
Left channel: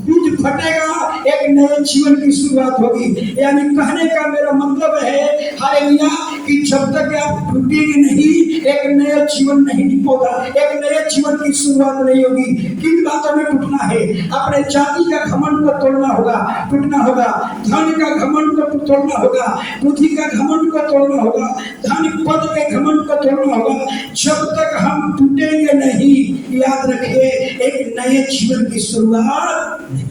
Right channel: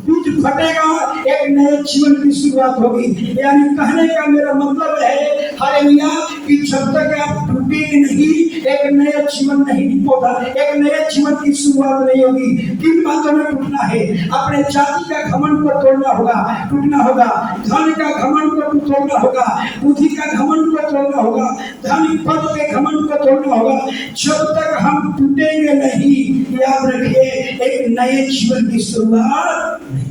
बीज फटेगा, एक नए जीवन की शुरुआत होगी। यानी कहने का मेरा मतलब है, हालेलुया, कि जब तक आप टूटेंगे नहीं, एक नया जीवन नहीं पौधा, एक नए जीवन की शुरुआत नहीं होगी। किन बातों में टूटना है? अपने जाति का घमंड को तोड़ना होगा, टूटना होगा। धन का घमंड को तोड़ना होगा, बुद्धि का घमंड को तोड़ना होगा, धन पद के घमंड को तोड़ना होगा। जब तक हम टूटेंगे नहीं, याद रखिए, एक नए जीवन की शुरुआत नहीं।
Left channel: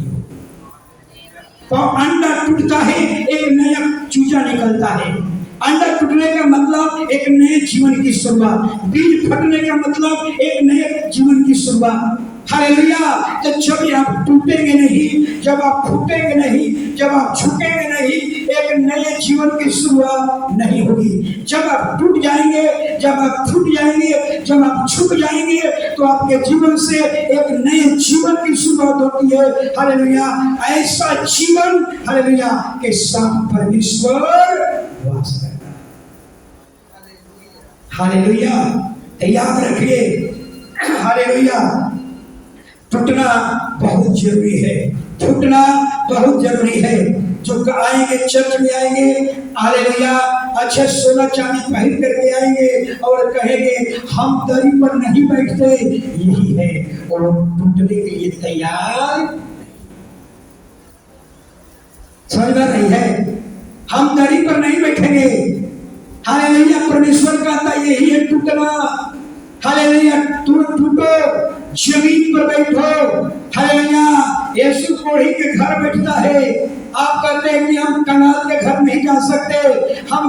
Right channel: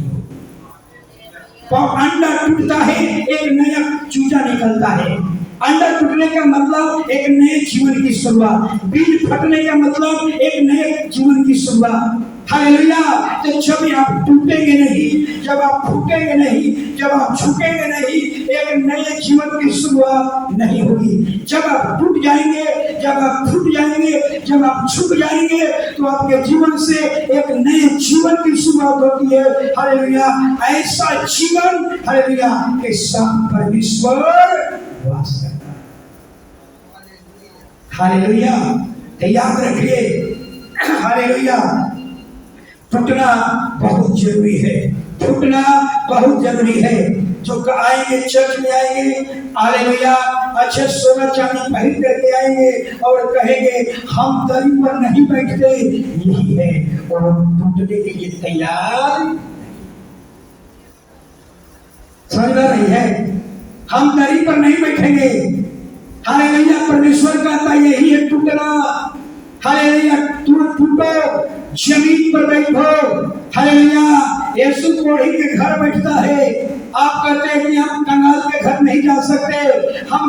अंडा टूटता है, एक नया चूजा निकलता है। अंडा टूटने का मतलब एक नए जीवन की शुरुआत, बीज फटने का मतलब एक नए जीवन की शुरुआत। हालेलुया। तो जब आप टूटेंगे नहीं, जब आप फूटेंगे नहीं, जब आप झुकेंगे नहीं, एक नए जीवन की शुरुआत नहीं होगी। जब आप टूट जाएंगे, जब आप फूट जाएंगे, जब आप झुक जाएंगे, तो आपके जीवन से एक नए जीवन की शुरुआत होती है। हालेलुया। ऐसा जीवन, हालेलुया, के साथ परमेश्वर वास करता है। हालेलुया। याद रखिए, हालेलुया, टूटना बहुत जरूरी है, फूटना बहुत जरूरी है। जो आएंगे, चर्च में आएंगे, हालेलुया, अच्छे सोना चांदी पहन करके आएंगे और कहेंगे हम दरी पर नहीं बैठते, यही है, और टूटने के लिए तैयार। समझ में रही है? हम दरी पर नहीं बैठेंगे। हालेलुया। परमेश्वर कहता यही है टूटना। हालेलुया। टूटो, जमीन पर बैठो। हालेलुया। यीशु कोढ़ी के घर बैठता है। आप कहते हैं कि हम कंगाल के घर नहीं जा सकते, हम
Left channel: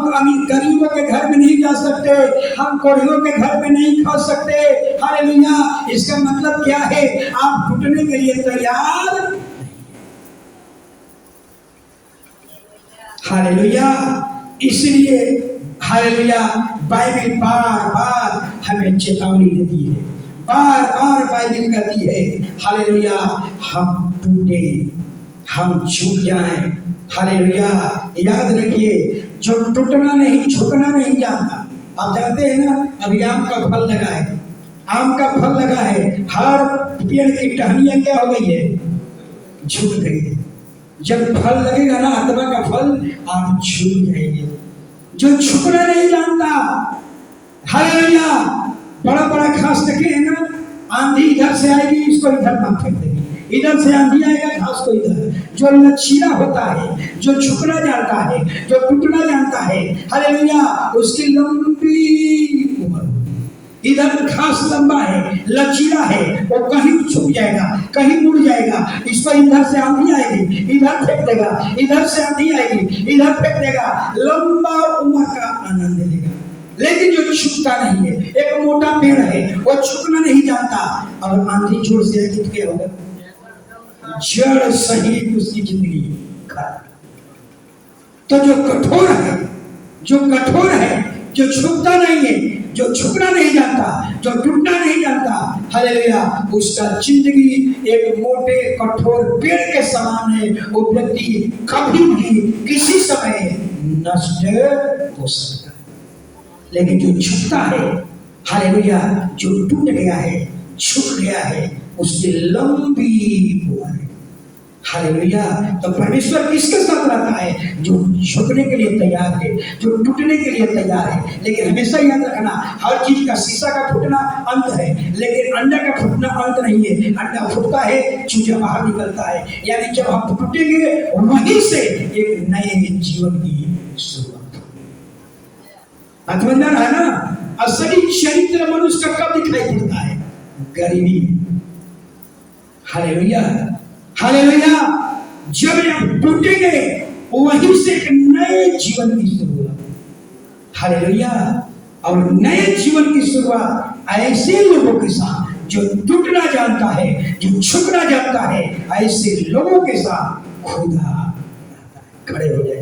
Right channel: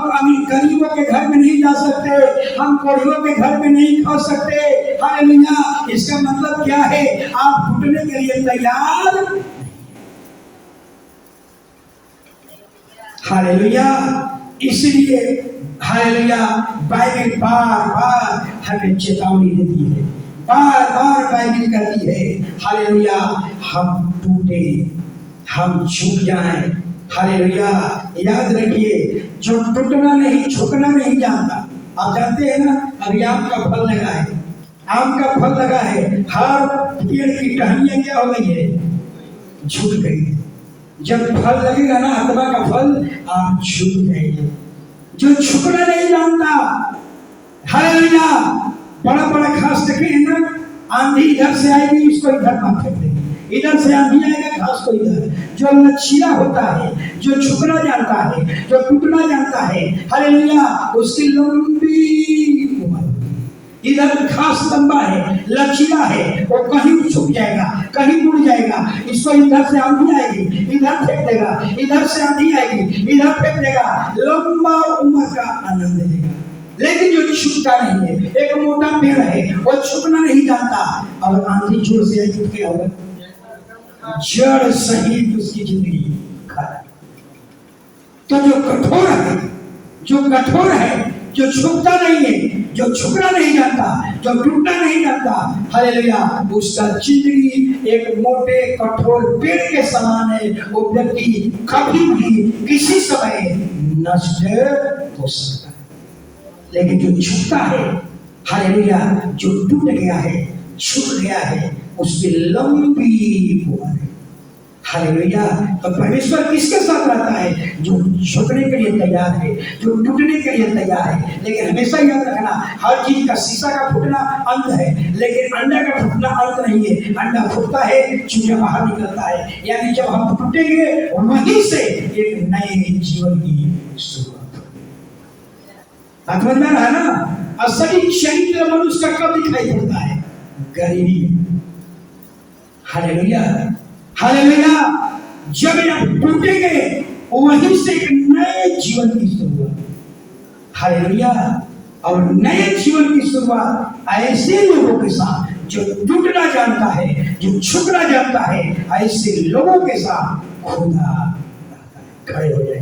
गरीबों के घर में नहीं जा सकते, हम कोढ़ियों के घर में नहीं खा सकते। हालेलुया। इसका मतलब क्या है? आप टूटने के लिए तैयार। हालेलुया। इसलिए हालेलुया, बाइबल बार बार हमें चेतावनी देती है, बार बार बाइबल कहती है, हालेलुया, हम टूटे, हम झुक जाएं। हालेलुया। याद रखिए, जो टूटना नहीं, झुकना नहीं जानता। आप जानते हैं ना, अभी आम का फल लगा है, आम का फल लगा है, हर पेड़ की टहनियां क्या हो गई है? झुक गई है। जब फल लगेगा ना, आत्मा का फल, आप झुक जाएंगे। जो झुकना नहीं जानता, हालेलुया, बड़ा बड़ा घास देखे है ना, आंधी इधर से आएगी, इसको इधर ना फेंक देंगे, इधर से आंधी आएगा, घास को इधर। जो लचीला होता है, जो झुकना जानता है, जो टूटना जानता है, हालेलुया, उसकी लंबी उम्र। इधर घास लंबा है, लचीला है, वो कहीं झुक जाएगा, कहीं मुड़ जाएगा। इसको इधर से आंधी आएगी, इधर फेंक देगा, इधर से आंधी आएगी, इधर फेंक देगा, लंबा उम्र का आनंद लेगा। लेकिन जो झुकता नहीं है, एक मोटा पेड़ है, वो झुकना नहीं जानता, और आंधी जोर से आएगी तो क्या होगा? जड़ सहित उसकी जिंदगी खराब। तो जो कठोर है, जो कठोर है, जो झुकता नहीं है, जो झुकना नहीं जानता, जो टूटना नहीं जानता, हालेलुया, उसका जिंदगी एक मोटे कठोर पेड़ के समान है। वो व्यक्ति कभी भी किसी समय नष्ट हो सकता है। लेकिन जो झुकता है, हालेलुया, जो टूट गया है, झुक गया है, उसकी लंबी उम्र है। हालेलुया। तो परमेश्वर किसके साथ रहता है? जो झुकने के लिए तैयार है, जो टूटने के लिए तैयार है। लेकिन हमेशा याद रखना, हर चीज का, शीशा का फूटना अंत है, लेकिन अंडा का फूटना अंत नहीं है। अंडा फूटता है, चूजा बाहर निकलता है। यानी जब हम टूटेंगे, वहीं से एक नए जीवन की शुरुआत होगी। समझ में रहा है ना? असली चरित्र मनुष्य का कब दिखाई पड़ता है? गरीबी। Hallelujah, hallelujah. जब आप टूटेंगे, वहीं से एक नए जीवन की शुरुआत। हालेलुया। और नए जीवन की शुरुआत ऐसे लोगों के साथ जो टूटना जानता है, जो झुकना जानता है, ऐसे लोगों के साथ खुदा खड़े हो जाए।